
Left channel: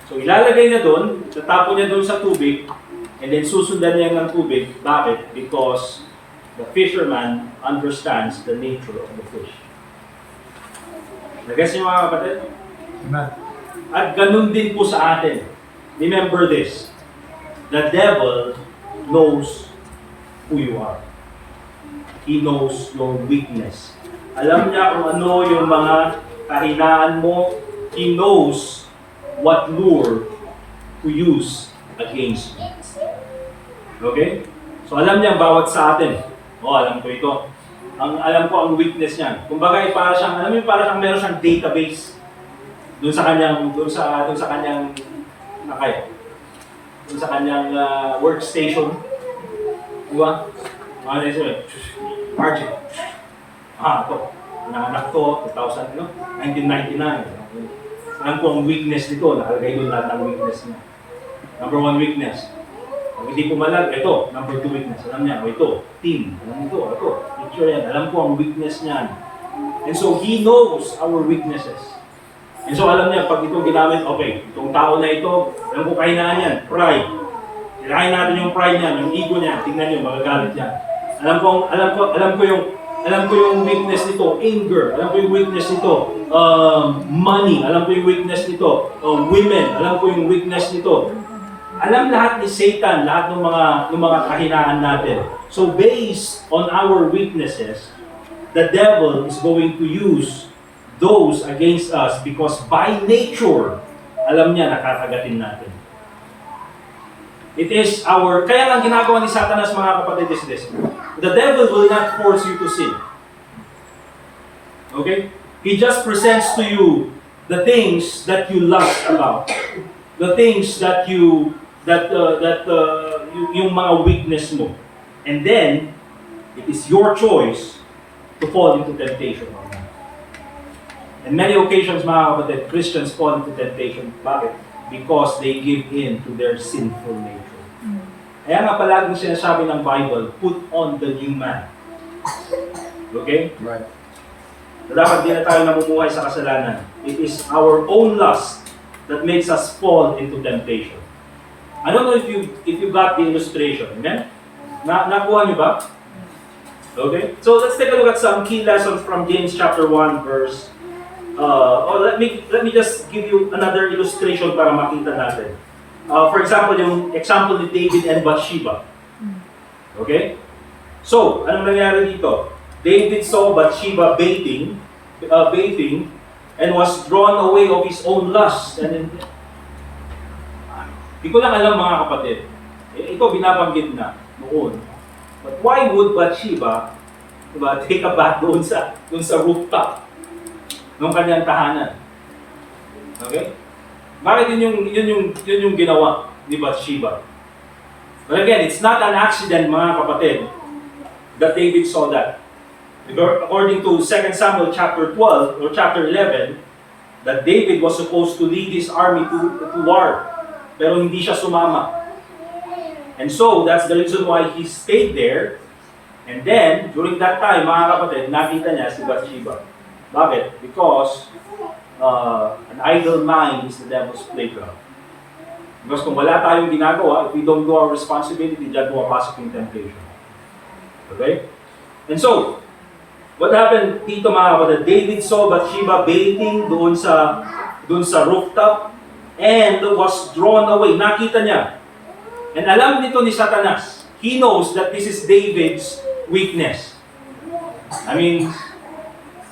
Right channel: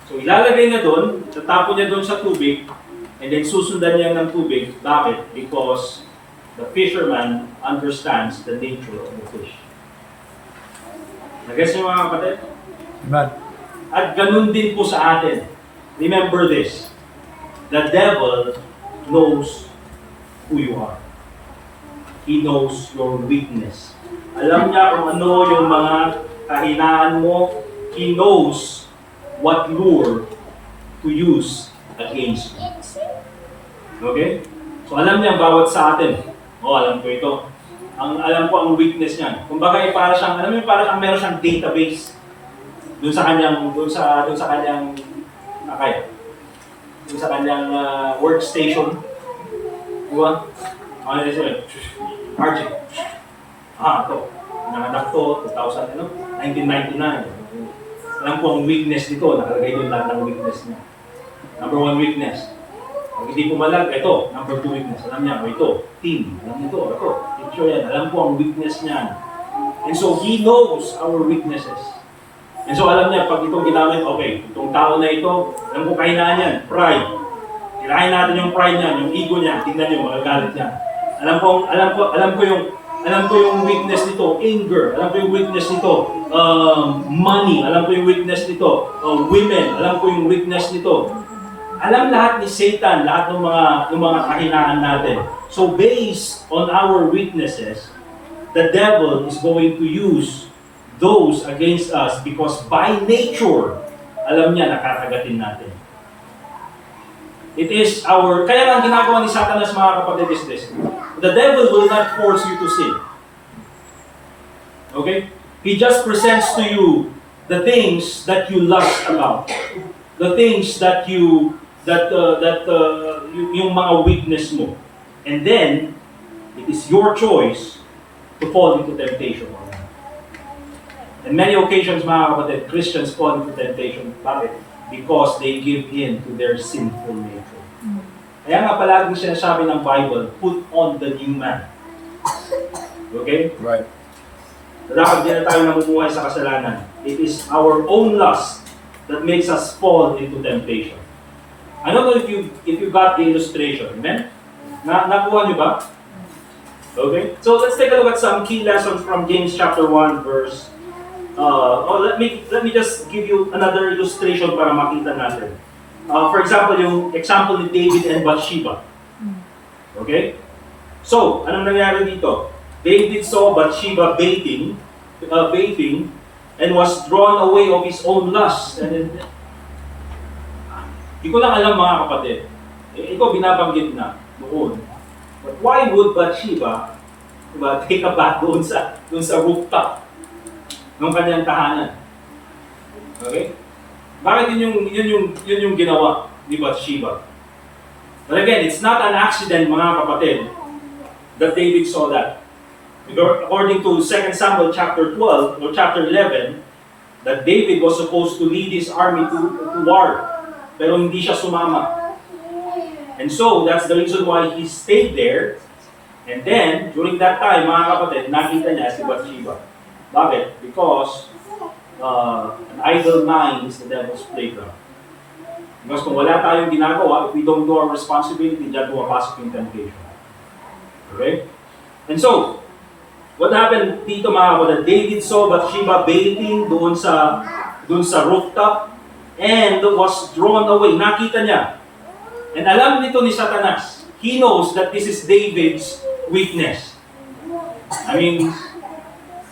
So ilalagay niya doon, tatapon niya doon sa tubig, and then susundan niya ng tubig. Bakit? Because the fisherman understands the nature of the fish. Nag-guess niyo, mga kapatid? Amen. At ganun din po sa atin. Remember this. The devil knows who you are. He knows your weakness. Alam niya kung ano yung mga kahinaan mo. He knows what lure to use against you. Okay? So alam niya bawat sa atin. Alam ko ito. Alam ko ang weakness niya. Kumbaga para siyang, meron siyang database doon sa kanyang workstation. Diba? RJ. Ito, nanganak to, 1999. Alam ko ang weakness nito, nakalagay din lahat ng weakness niya. Number 1 weakness. Kung hindi pumalag, ito, number 2 weakness. Alam niya, ito, team. Alam ito. Picture yan. Alam ko ang weakness niyan. And so, He knows our weaknesses. And so, alam niya, pag ito ginamit, okay, itong tao na ito, alam ko kahinaan yan, pride. Kirahin natin yung pride niya, yung ego niya, tingnan niyo, magagalit niya. Alam ko yung weakness nito, anger. Alam ko yung weakness nito, money. Alam ko yung weakness nito, women. Alam ko yung weakness nito. Alam lahat ni Satan, lahat ng mga kahinaan natin. So based on our weaknesses, the devil is going to use those against us because by nature, alam niya nakakagatin natin. It is kaya lang ginagawa ni Satanas, mga kapatid, is this. The devil will not force you to sin. Okay? He just presents to you the things that you lust about. The things that yung mga weakness mo. And then, it is your choice to fall into temptation. In many occasions, mga kapatid, Christians fall into temptation. Bakit? Because they give in to their sinful nature. Kaya nga palagi sinasabi ng Bible, put on the new man. Okay? Right. Dapat din na tayo namumuhay sa kasalanan. It is our own lust that makes us fall into temptation. I don't know if you got the illustration. Amen? Nakuha niyo ba? Okay? So let's take a look at some key lessons from James chapter 1 verse. Let me just give you another illustration para makita natin. For example, yung example ni David and Bathsheba. Okay? So, anong nangyari dito? David saw Bathsheba bathing, and was drawn away of his own lust. And then, di ko lang alam, mga kapatid. Ito binabanggit na noon. But why would Bathsheba take a bath doon sa rooftop ng kanyang tahanan? Okay? Bakit yun yung ginawa ni Bathsheba? But again, it's not an accident, mga kapatid, that David saw that. According to 2 Samuel chapter 12 or chapter 11, that David was supposed to lead his army to war, pero hindi siya sumama. And so, that's the reason why he stayed there. And then, during that time, mga kapatid, nakita niya si Bathsheba. Bakit? Because an idle mind is the devil's playground. Because kung wala tayong ginagawa, if we don't do our responsibility, dyan pumapasok yung temptation. Okay? And so, what happened dito, mga kapatid? David saw Bathsheba bathing doon sa rooftop and was drawn away. Nakita niya. And alam nito ni Satanas, he knows that this is David's weakness. I mean,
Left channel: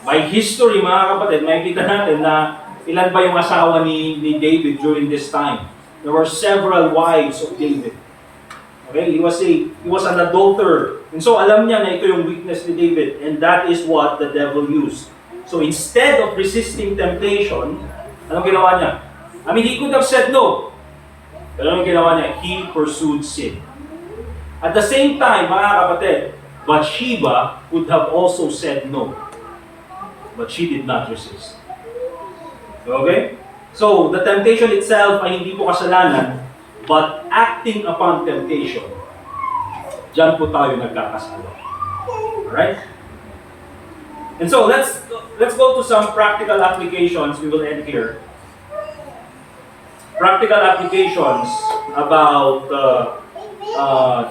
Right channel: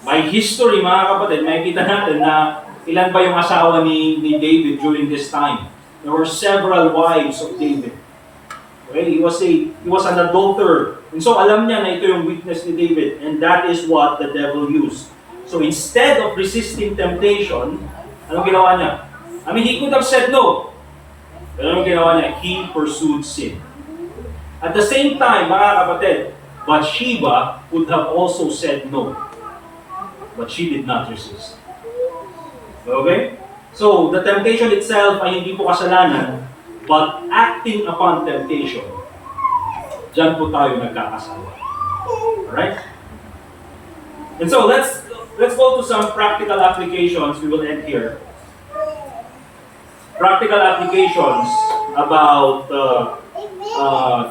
by history, mga kapatid, nakikita natin na ilan ba yung asawa ni David during this time. There were several wives of David. Okay? He was an adulterer. And so alam niya na ito yung weakness ni David, and that is what the devil used. So instead of resisting temptation, anong ginawa niya? I mean, he could have said no. Pero anong ginawa niya? He pursued sin. At the same time, mga kapatid, Bathsheba would have also said no. But she did not resist. Okay? So, the temptation itself ay hindi po kasalanan, but acting upon temptation, dyan po tayo nagkakasala. Alright? And so, let's go to some practical applications. We will end here. Practical applications about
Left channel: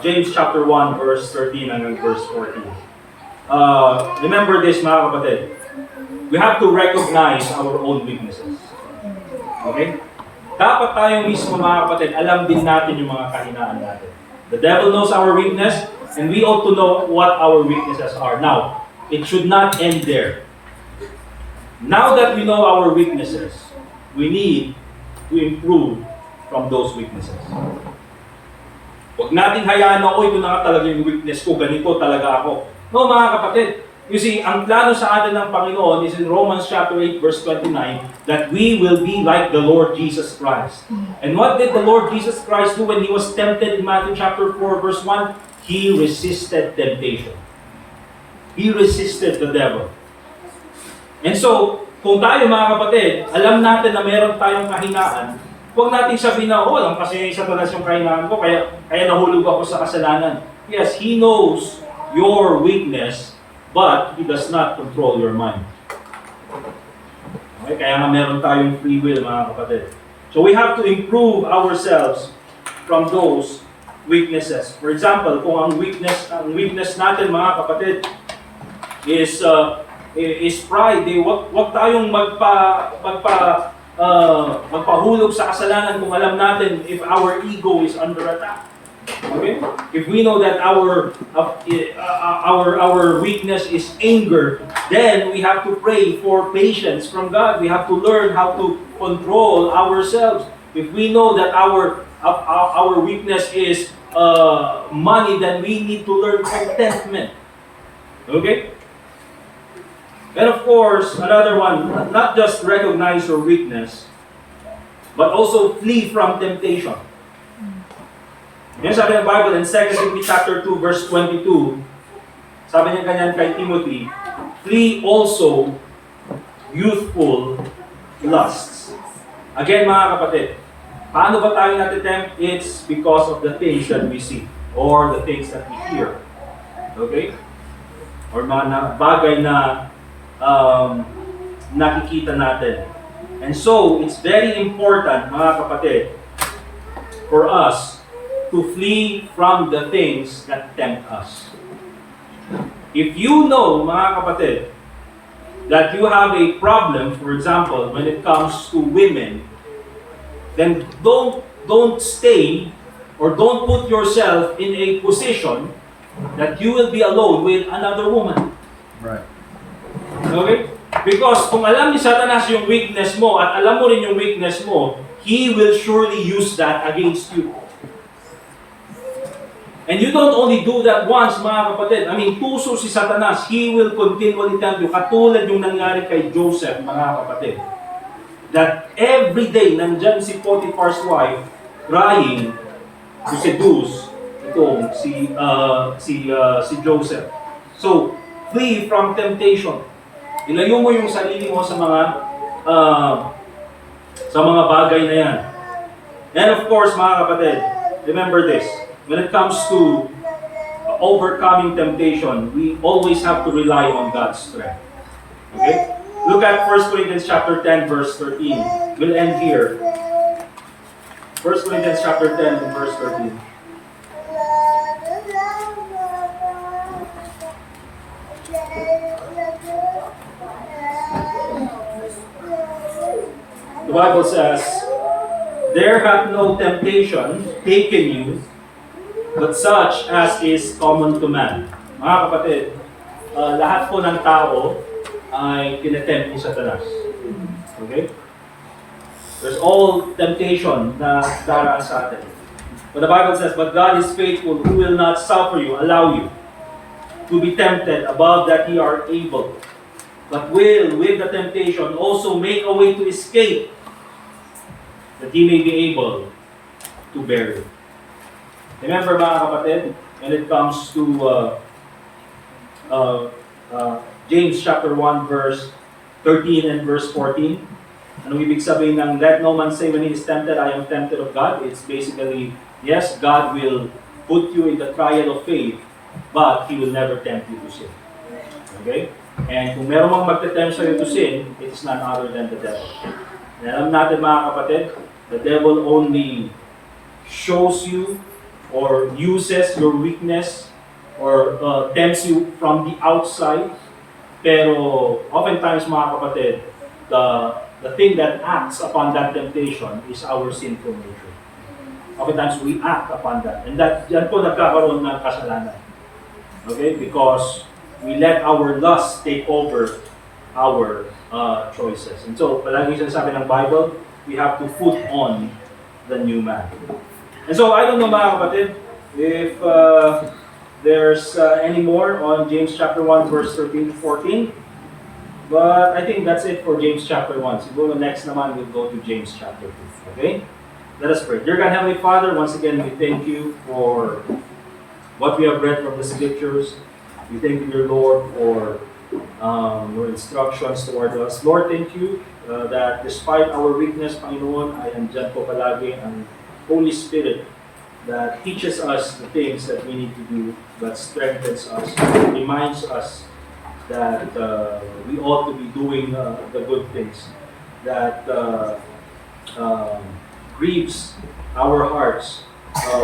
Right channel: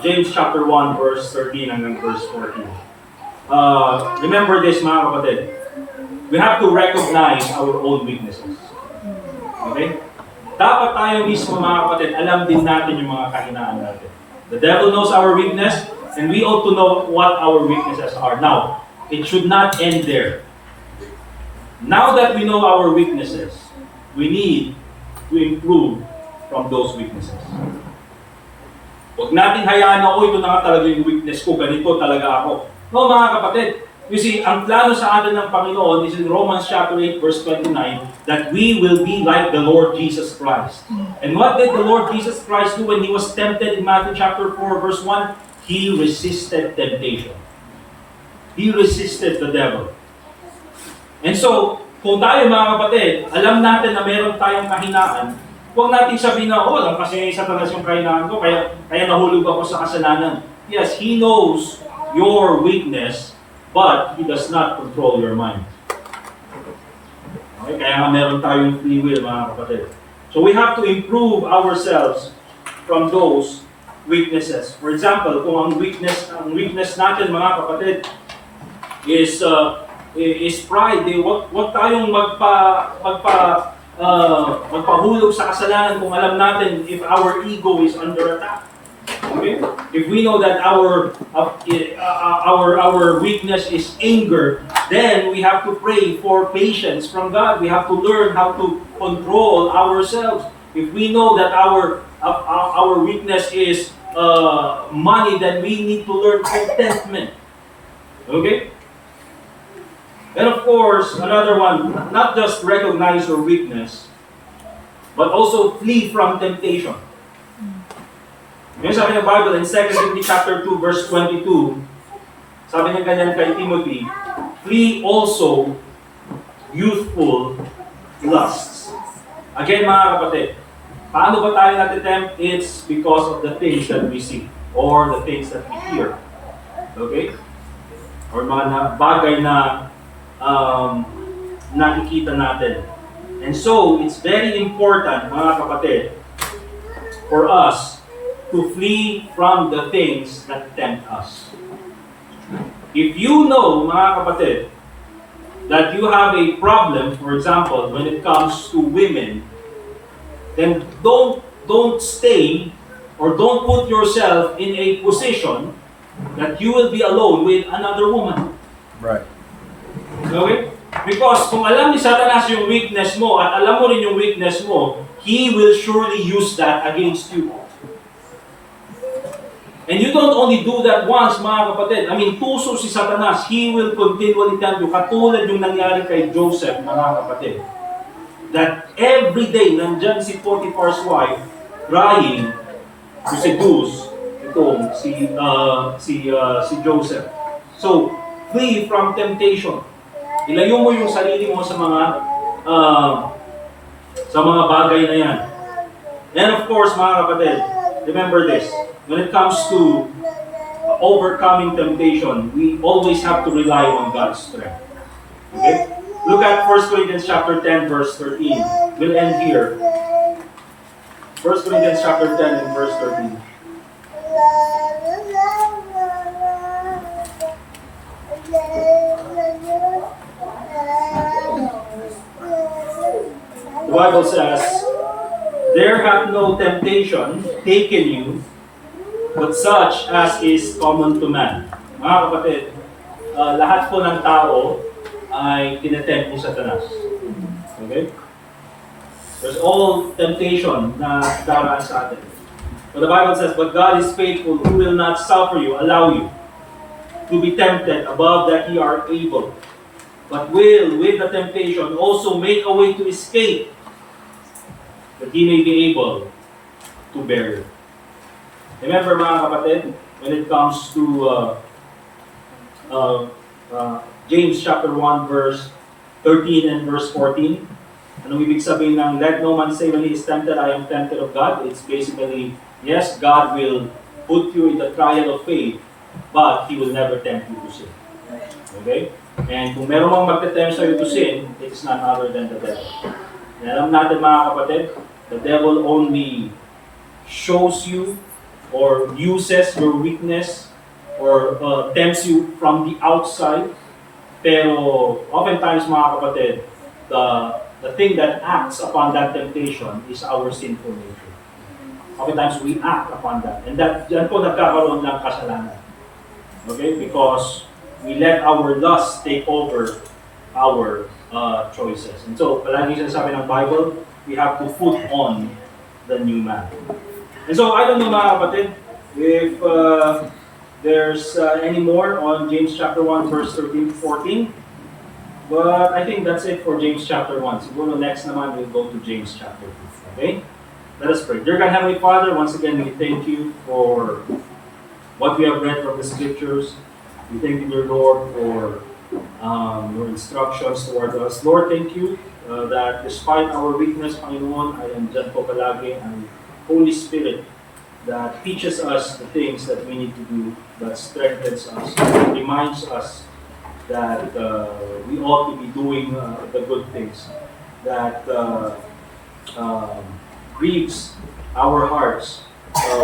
James chapter 1, verse 13 hanggang verse 14. Remember this, mga kapatid. We have to recognize our own weaknesses. Okay? Dapat tayo mismo, mga kapatid, alam din natin yung mga kahinaan natin. The devil knows our weakness, and we ought to know what our weaknesses are. Now, it should not end there. Now that we know our weaknesses, we need to improve from those weaknesses. Huwag nating hayaan na, ito na nga talaga yung weakness ko, ganito talaga ako. No, mga kapatid, you see, ang plano sa atin ng Panginoon is in Romans chapter 8, verse 29, that we will be like the Lord Jesus Christ. And what did the Lord Jesus Christ do when He was tempted in Matthew chapter 4, verse 1? He resisted temptation. He resisted the devil. And so, kung tayo mga kapatid, alam natin na meron tayong kahinaan, huwag natin sabihin na, oh, lang kasi Satanas yung kahinaan ko, kaya nahulog ako sa kasalanan. Yes, He knows your weakness, but He does not control your mind. Okay? Kaya nga meron tayong free will, mga kapatid. So we have to improve ourselves from those weaknesses. For example, kung ang weakness natin, mga kapatid, is pride. Wag tayong magpahulog sa kasalanan kung alam natin if our ego is under attack. Okay? If we know that our weakness is anger, then we have to pray for patience from God. We have to learn how to control ourselves. If we know that our weakness is money, then we need to learn contentment. Okay? And of course, another one, not just recognize your weakness, but also flee from temptation. Yan sabi ng Bible in 2 Timothy chapter 2, verse 22, sabi niya ganyan kay Timothy, flee also youthful lusts. Again, mga kapatid, paano ba tayo natitempt? It's because of the things that we see or the things that we hear. Okay? Or mga bagay na nakikita natin. And so, it's very important, mga kapatid, for us to flee from the things that tempt us. If you know, mga kapatid, that you have a problem, for example, when it comes to women, then don't stay or don't put yourself in a position that you will be alone with another woman. Right. Okay? Because kung alam ni Satanas yung weakness mo at alam mo rin yung weakness mo, he will surely use that against you. And you don't only do that once, mga kapatid. I mean, tuso si Satanas. He will continually tell you, katulad yung nangyari kay Joseph, mga kapatid, that every day, nandyan si Potiphar's wife, trying to seduce itong si Joseph. So, flee from temptation. Ilayo mo yung sarili mo sa mga bagay na yan. And of course, mga kapatid, remember this. When it comes to overcoming temptation, we always have to rely on God's strength. Okay? Look at 1 Corinthians chapter 10, verse 13. We'll end here. 1 Corinthians chapter 10 and verse 13. The Bible says, there hath no temptation taken you, but such as is common to man. Mga kapatid, lahat po ng tao ay tinetempt ni Satanas. Okay? There's all temptation na daraan sa atin. But the Bible says, but God is faithful, who will not suffer you, allow you to be tempted above that ye are able, but will, with the temptation, also make a way to escape, that ye may be able to bear it. Remember, mga kapatid, when it comes to James chapter 1, verse 13 and verse 14, ano ibig sabihin ng let no man say when he is tempted, I am tempted of God? It's basically, yes, God will put you in the trial of faith, but He will never tempt you to sin. Okay? And kung meron mang magte-tempt sa'yo to sin, it is none other than the devil. And alam natin, mga kapatid, the devil only shows you or uses your weakness or tempts you from the outside. Pero oftentimes, mga kapatid, the thing that acts upon that temptation is our sinful nature. Oftentimes, we act upon that. And yan po nagkakaroon ng kasalanan. Okay? Because we let our lust take over our choices. And so, palagi sinasabi ng Bible, we have to put on the new man. And so, I don't know, mga kapatid, if there's any more on James chapter 1, verse 13 to 14. But I think that's it for James chapter 1. Siguro next naman, we'll go to James chapter 2. Okay? Let us pray. Dear God, Heavenly Father, once again, we thank you for what we have read from the Scriptures. We thank you, dear Lord, for your instructions toward us. Lord, thank you that despite our weakness, Panginoon, ay andyan po palagi ang Holy Spirit that teaches us the things that we need to do, that strengthens us, reminds us that we ought to be doing the good things, that grieves our hearts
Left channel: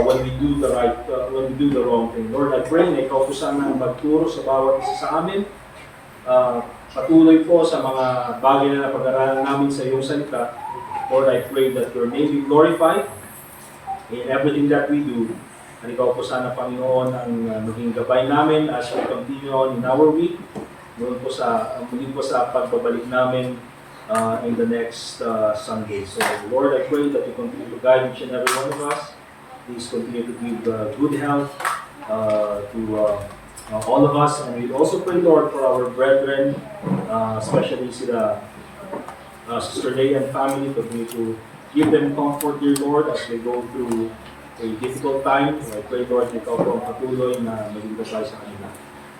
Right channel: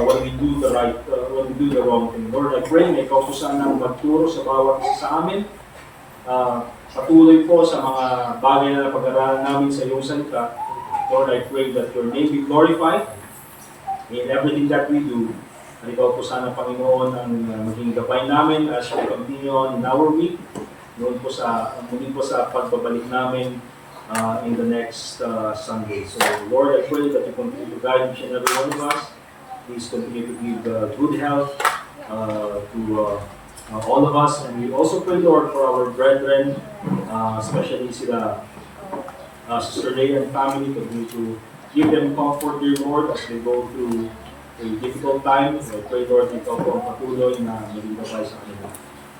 when we do the wrong thing. Lord, I pray na ikaw po sana magturo sa bawat isa sa amin. Patuloy po sa mga bagay na napag-aralan namin sa iyong salita. Lord, I pray that your name be glorified in everything that we do. At ikaw po sana, Panginoon, ang maging gabay namin as we continue on in our week. Muli po sa pagbabalik namin in the next Sunday. So, Lord, I pray that you continue to guide each and every one of us. Please continue to give good health to all of us. And we also pray, Lord, for our brethren, especially sila Sister Leigh and family. Continue to give them comfort, dear Lord, as they go through a difficult time. I pray, Lord, ikaw po ang patuloy na maging gabay sa kanila.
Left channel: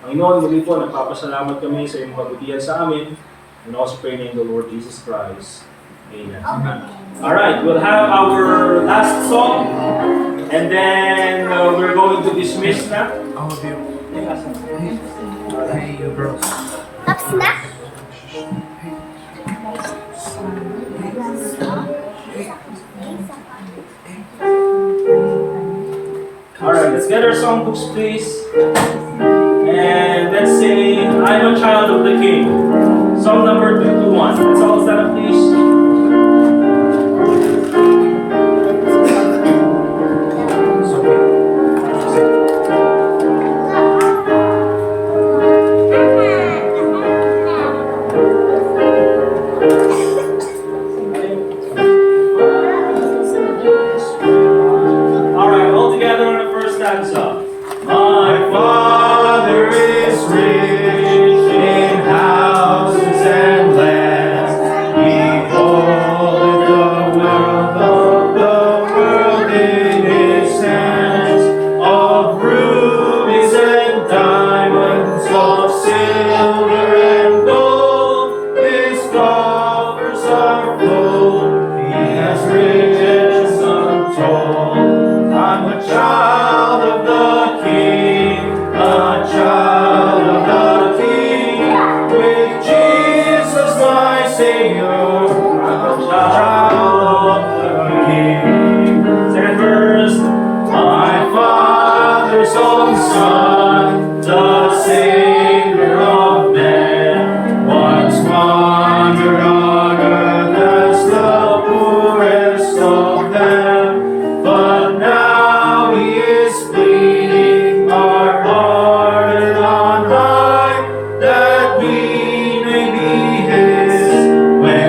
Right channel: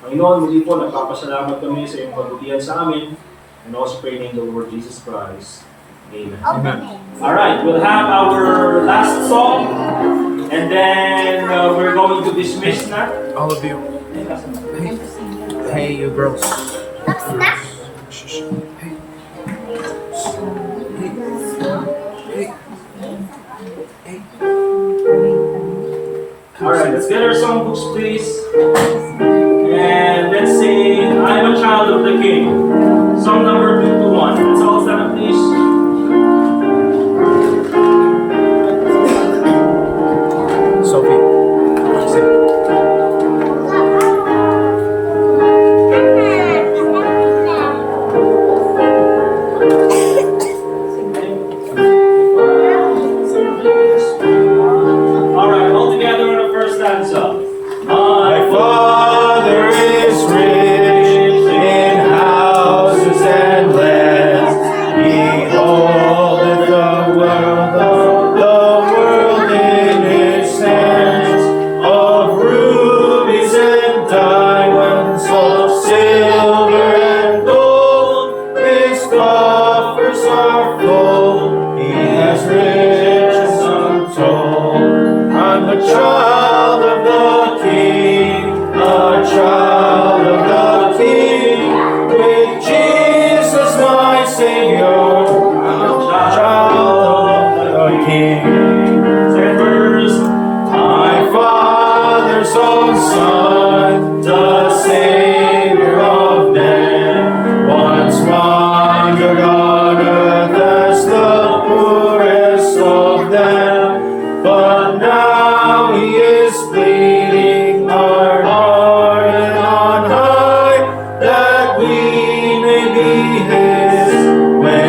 Panginoon, muli po, nagpapasalamat kami sa iyong kabutihan sa amin. And also pray in the Lord Jesus Christ. Amen. Amen. Alright, we'll have our last song. And then we're going to dismiss na. All of you. Hey, you girls. Tapos na? Shh. Hey. Alright, let's get our songbooks, please. And let's sing I Am a Child of the King. Song number 221. Let's all stand up, please. Sophie. Sing. Alright, all together in the first stanza. My Father is rich in houses and lands. He holdeth the wealth of the world in his hands. Of rubies and diamonds, of silver and gold, his coffers are full. He has riches untold. I'm a child of the King, a child of the King, with Jesus my Savior. I'm a child of the King. second verse. My Father's own Son, the Savior of men, once wandered on earth as the poorest of them, but now he is pleading our heart on high, that we may be his when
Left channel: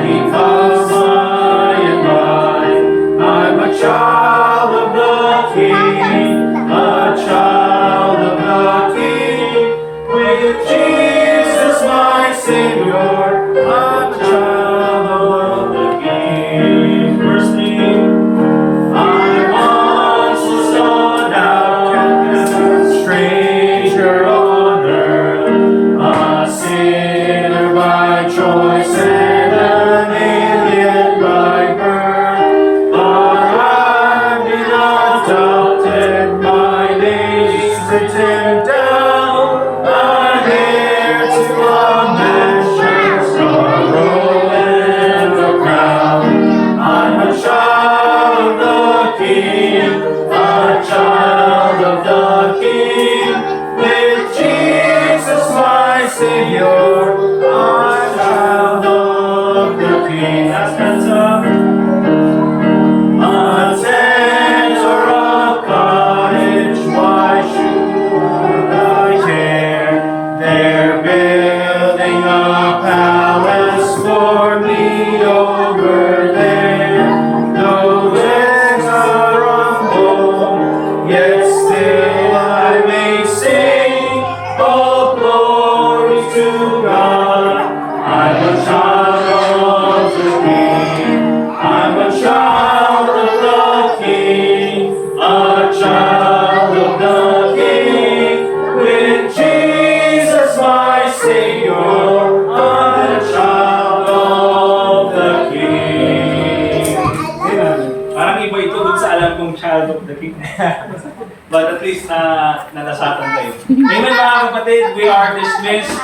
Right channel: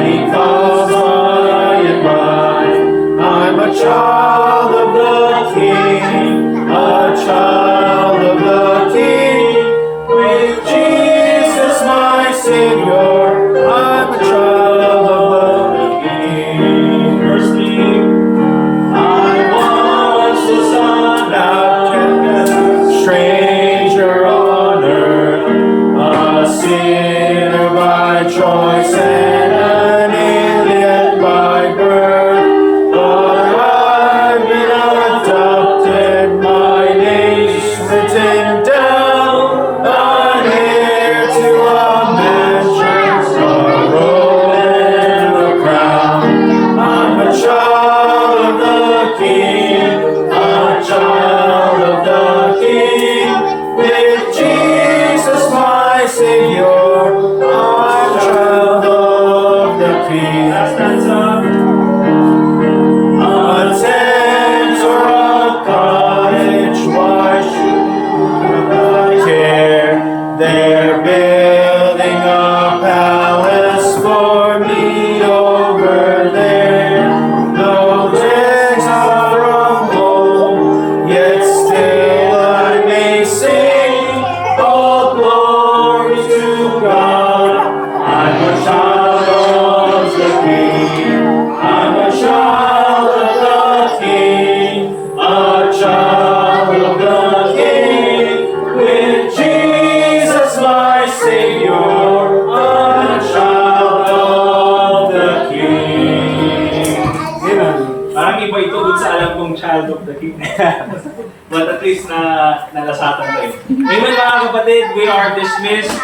But at least nalasatan kayo. Amen mga kapatid, we are dismissed.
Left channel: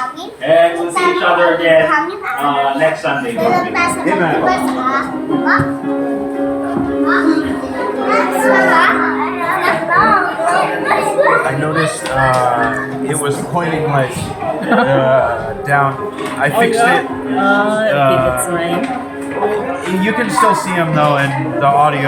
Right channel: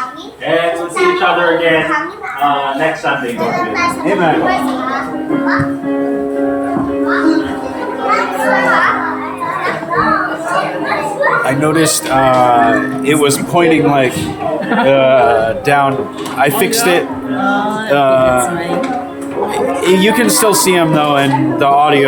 And we'll see each other again next Sunday. God willing. Amen. I noticed it was pointing like down. I fixed it. Okay, that's why. You can still see him though, and the audio.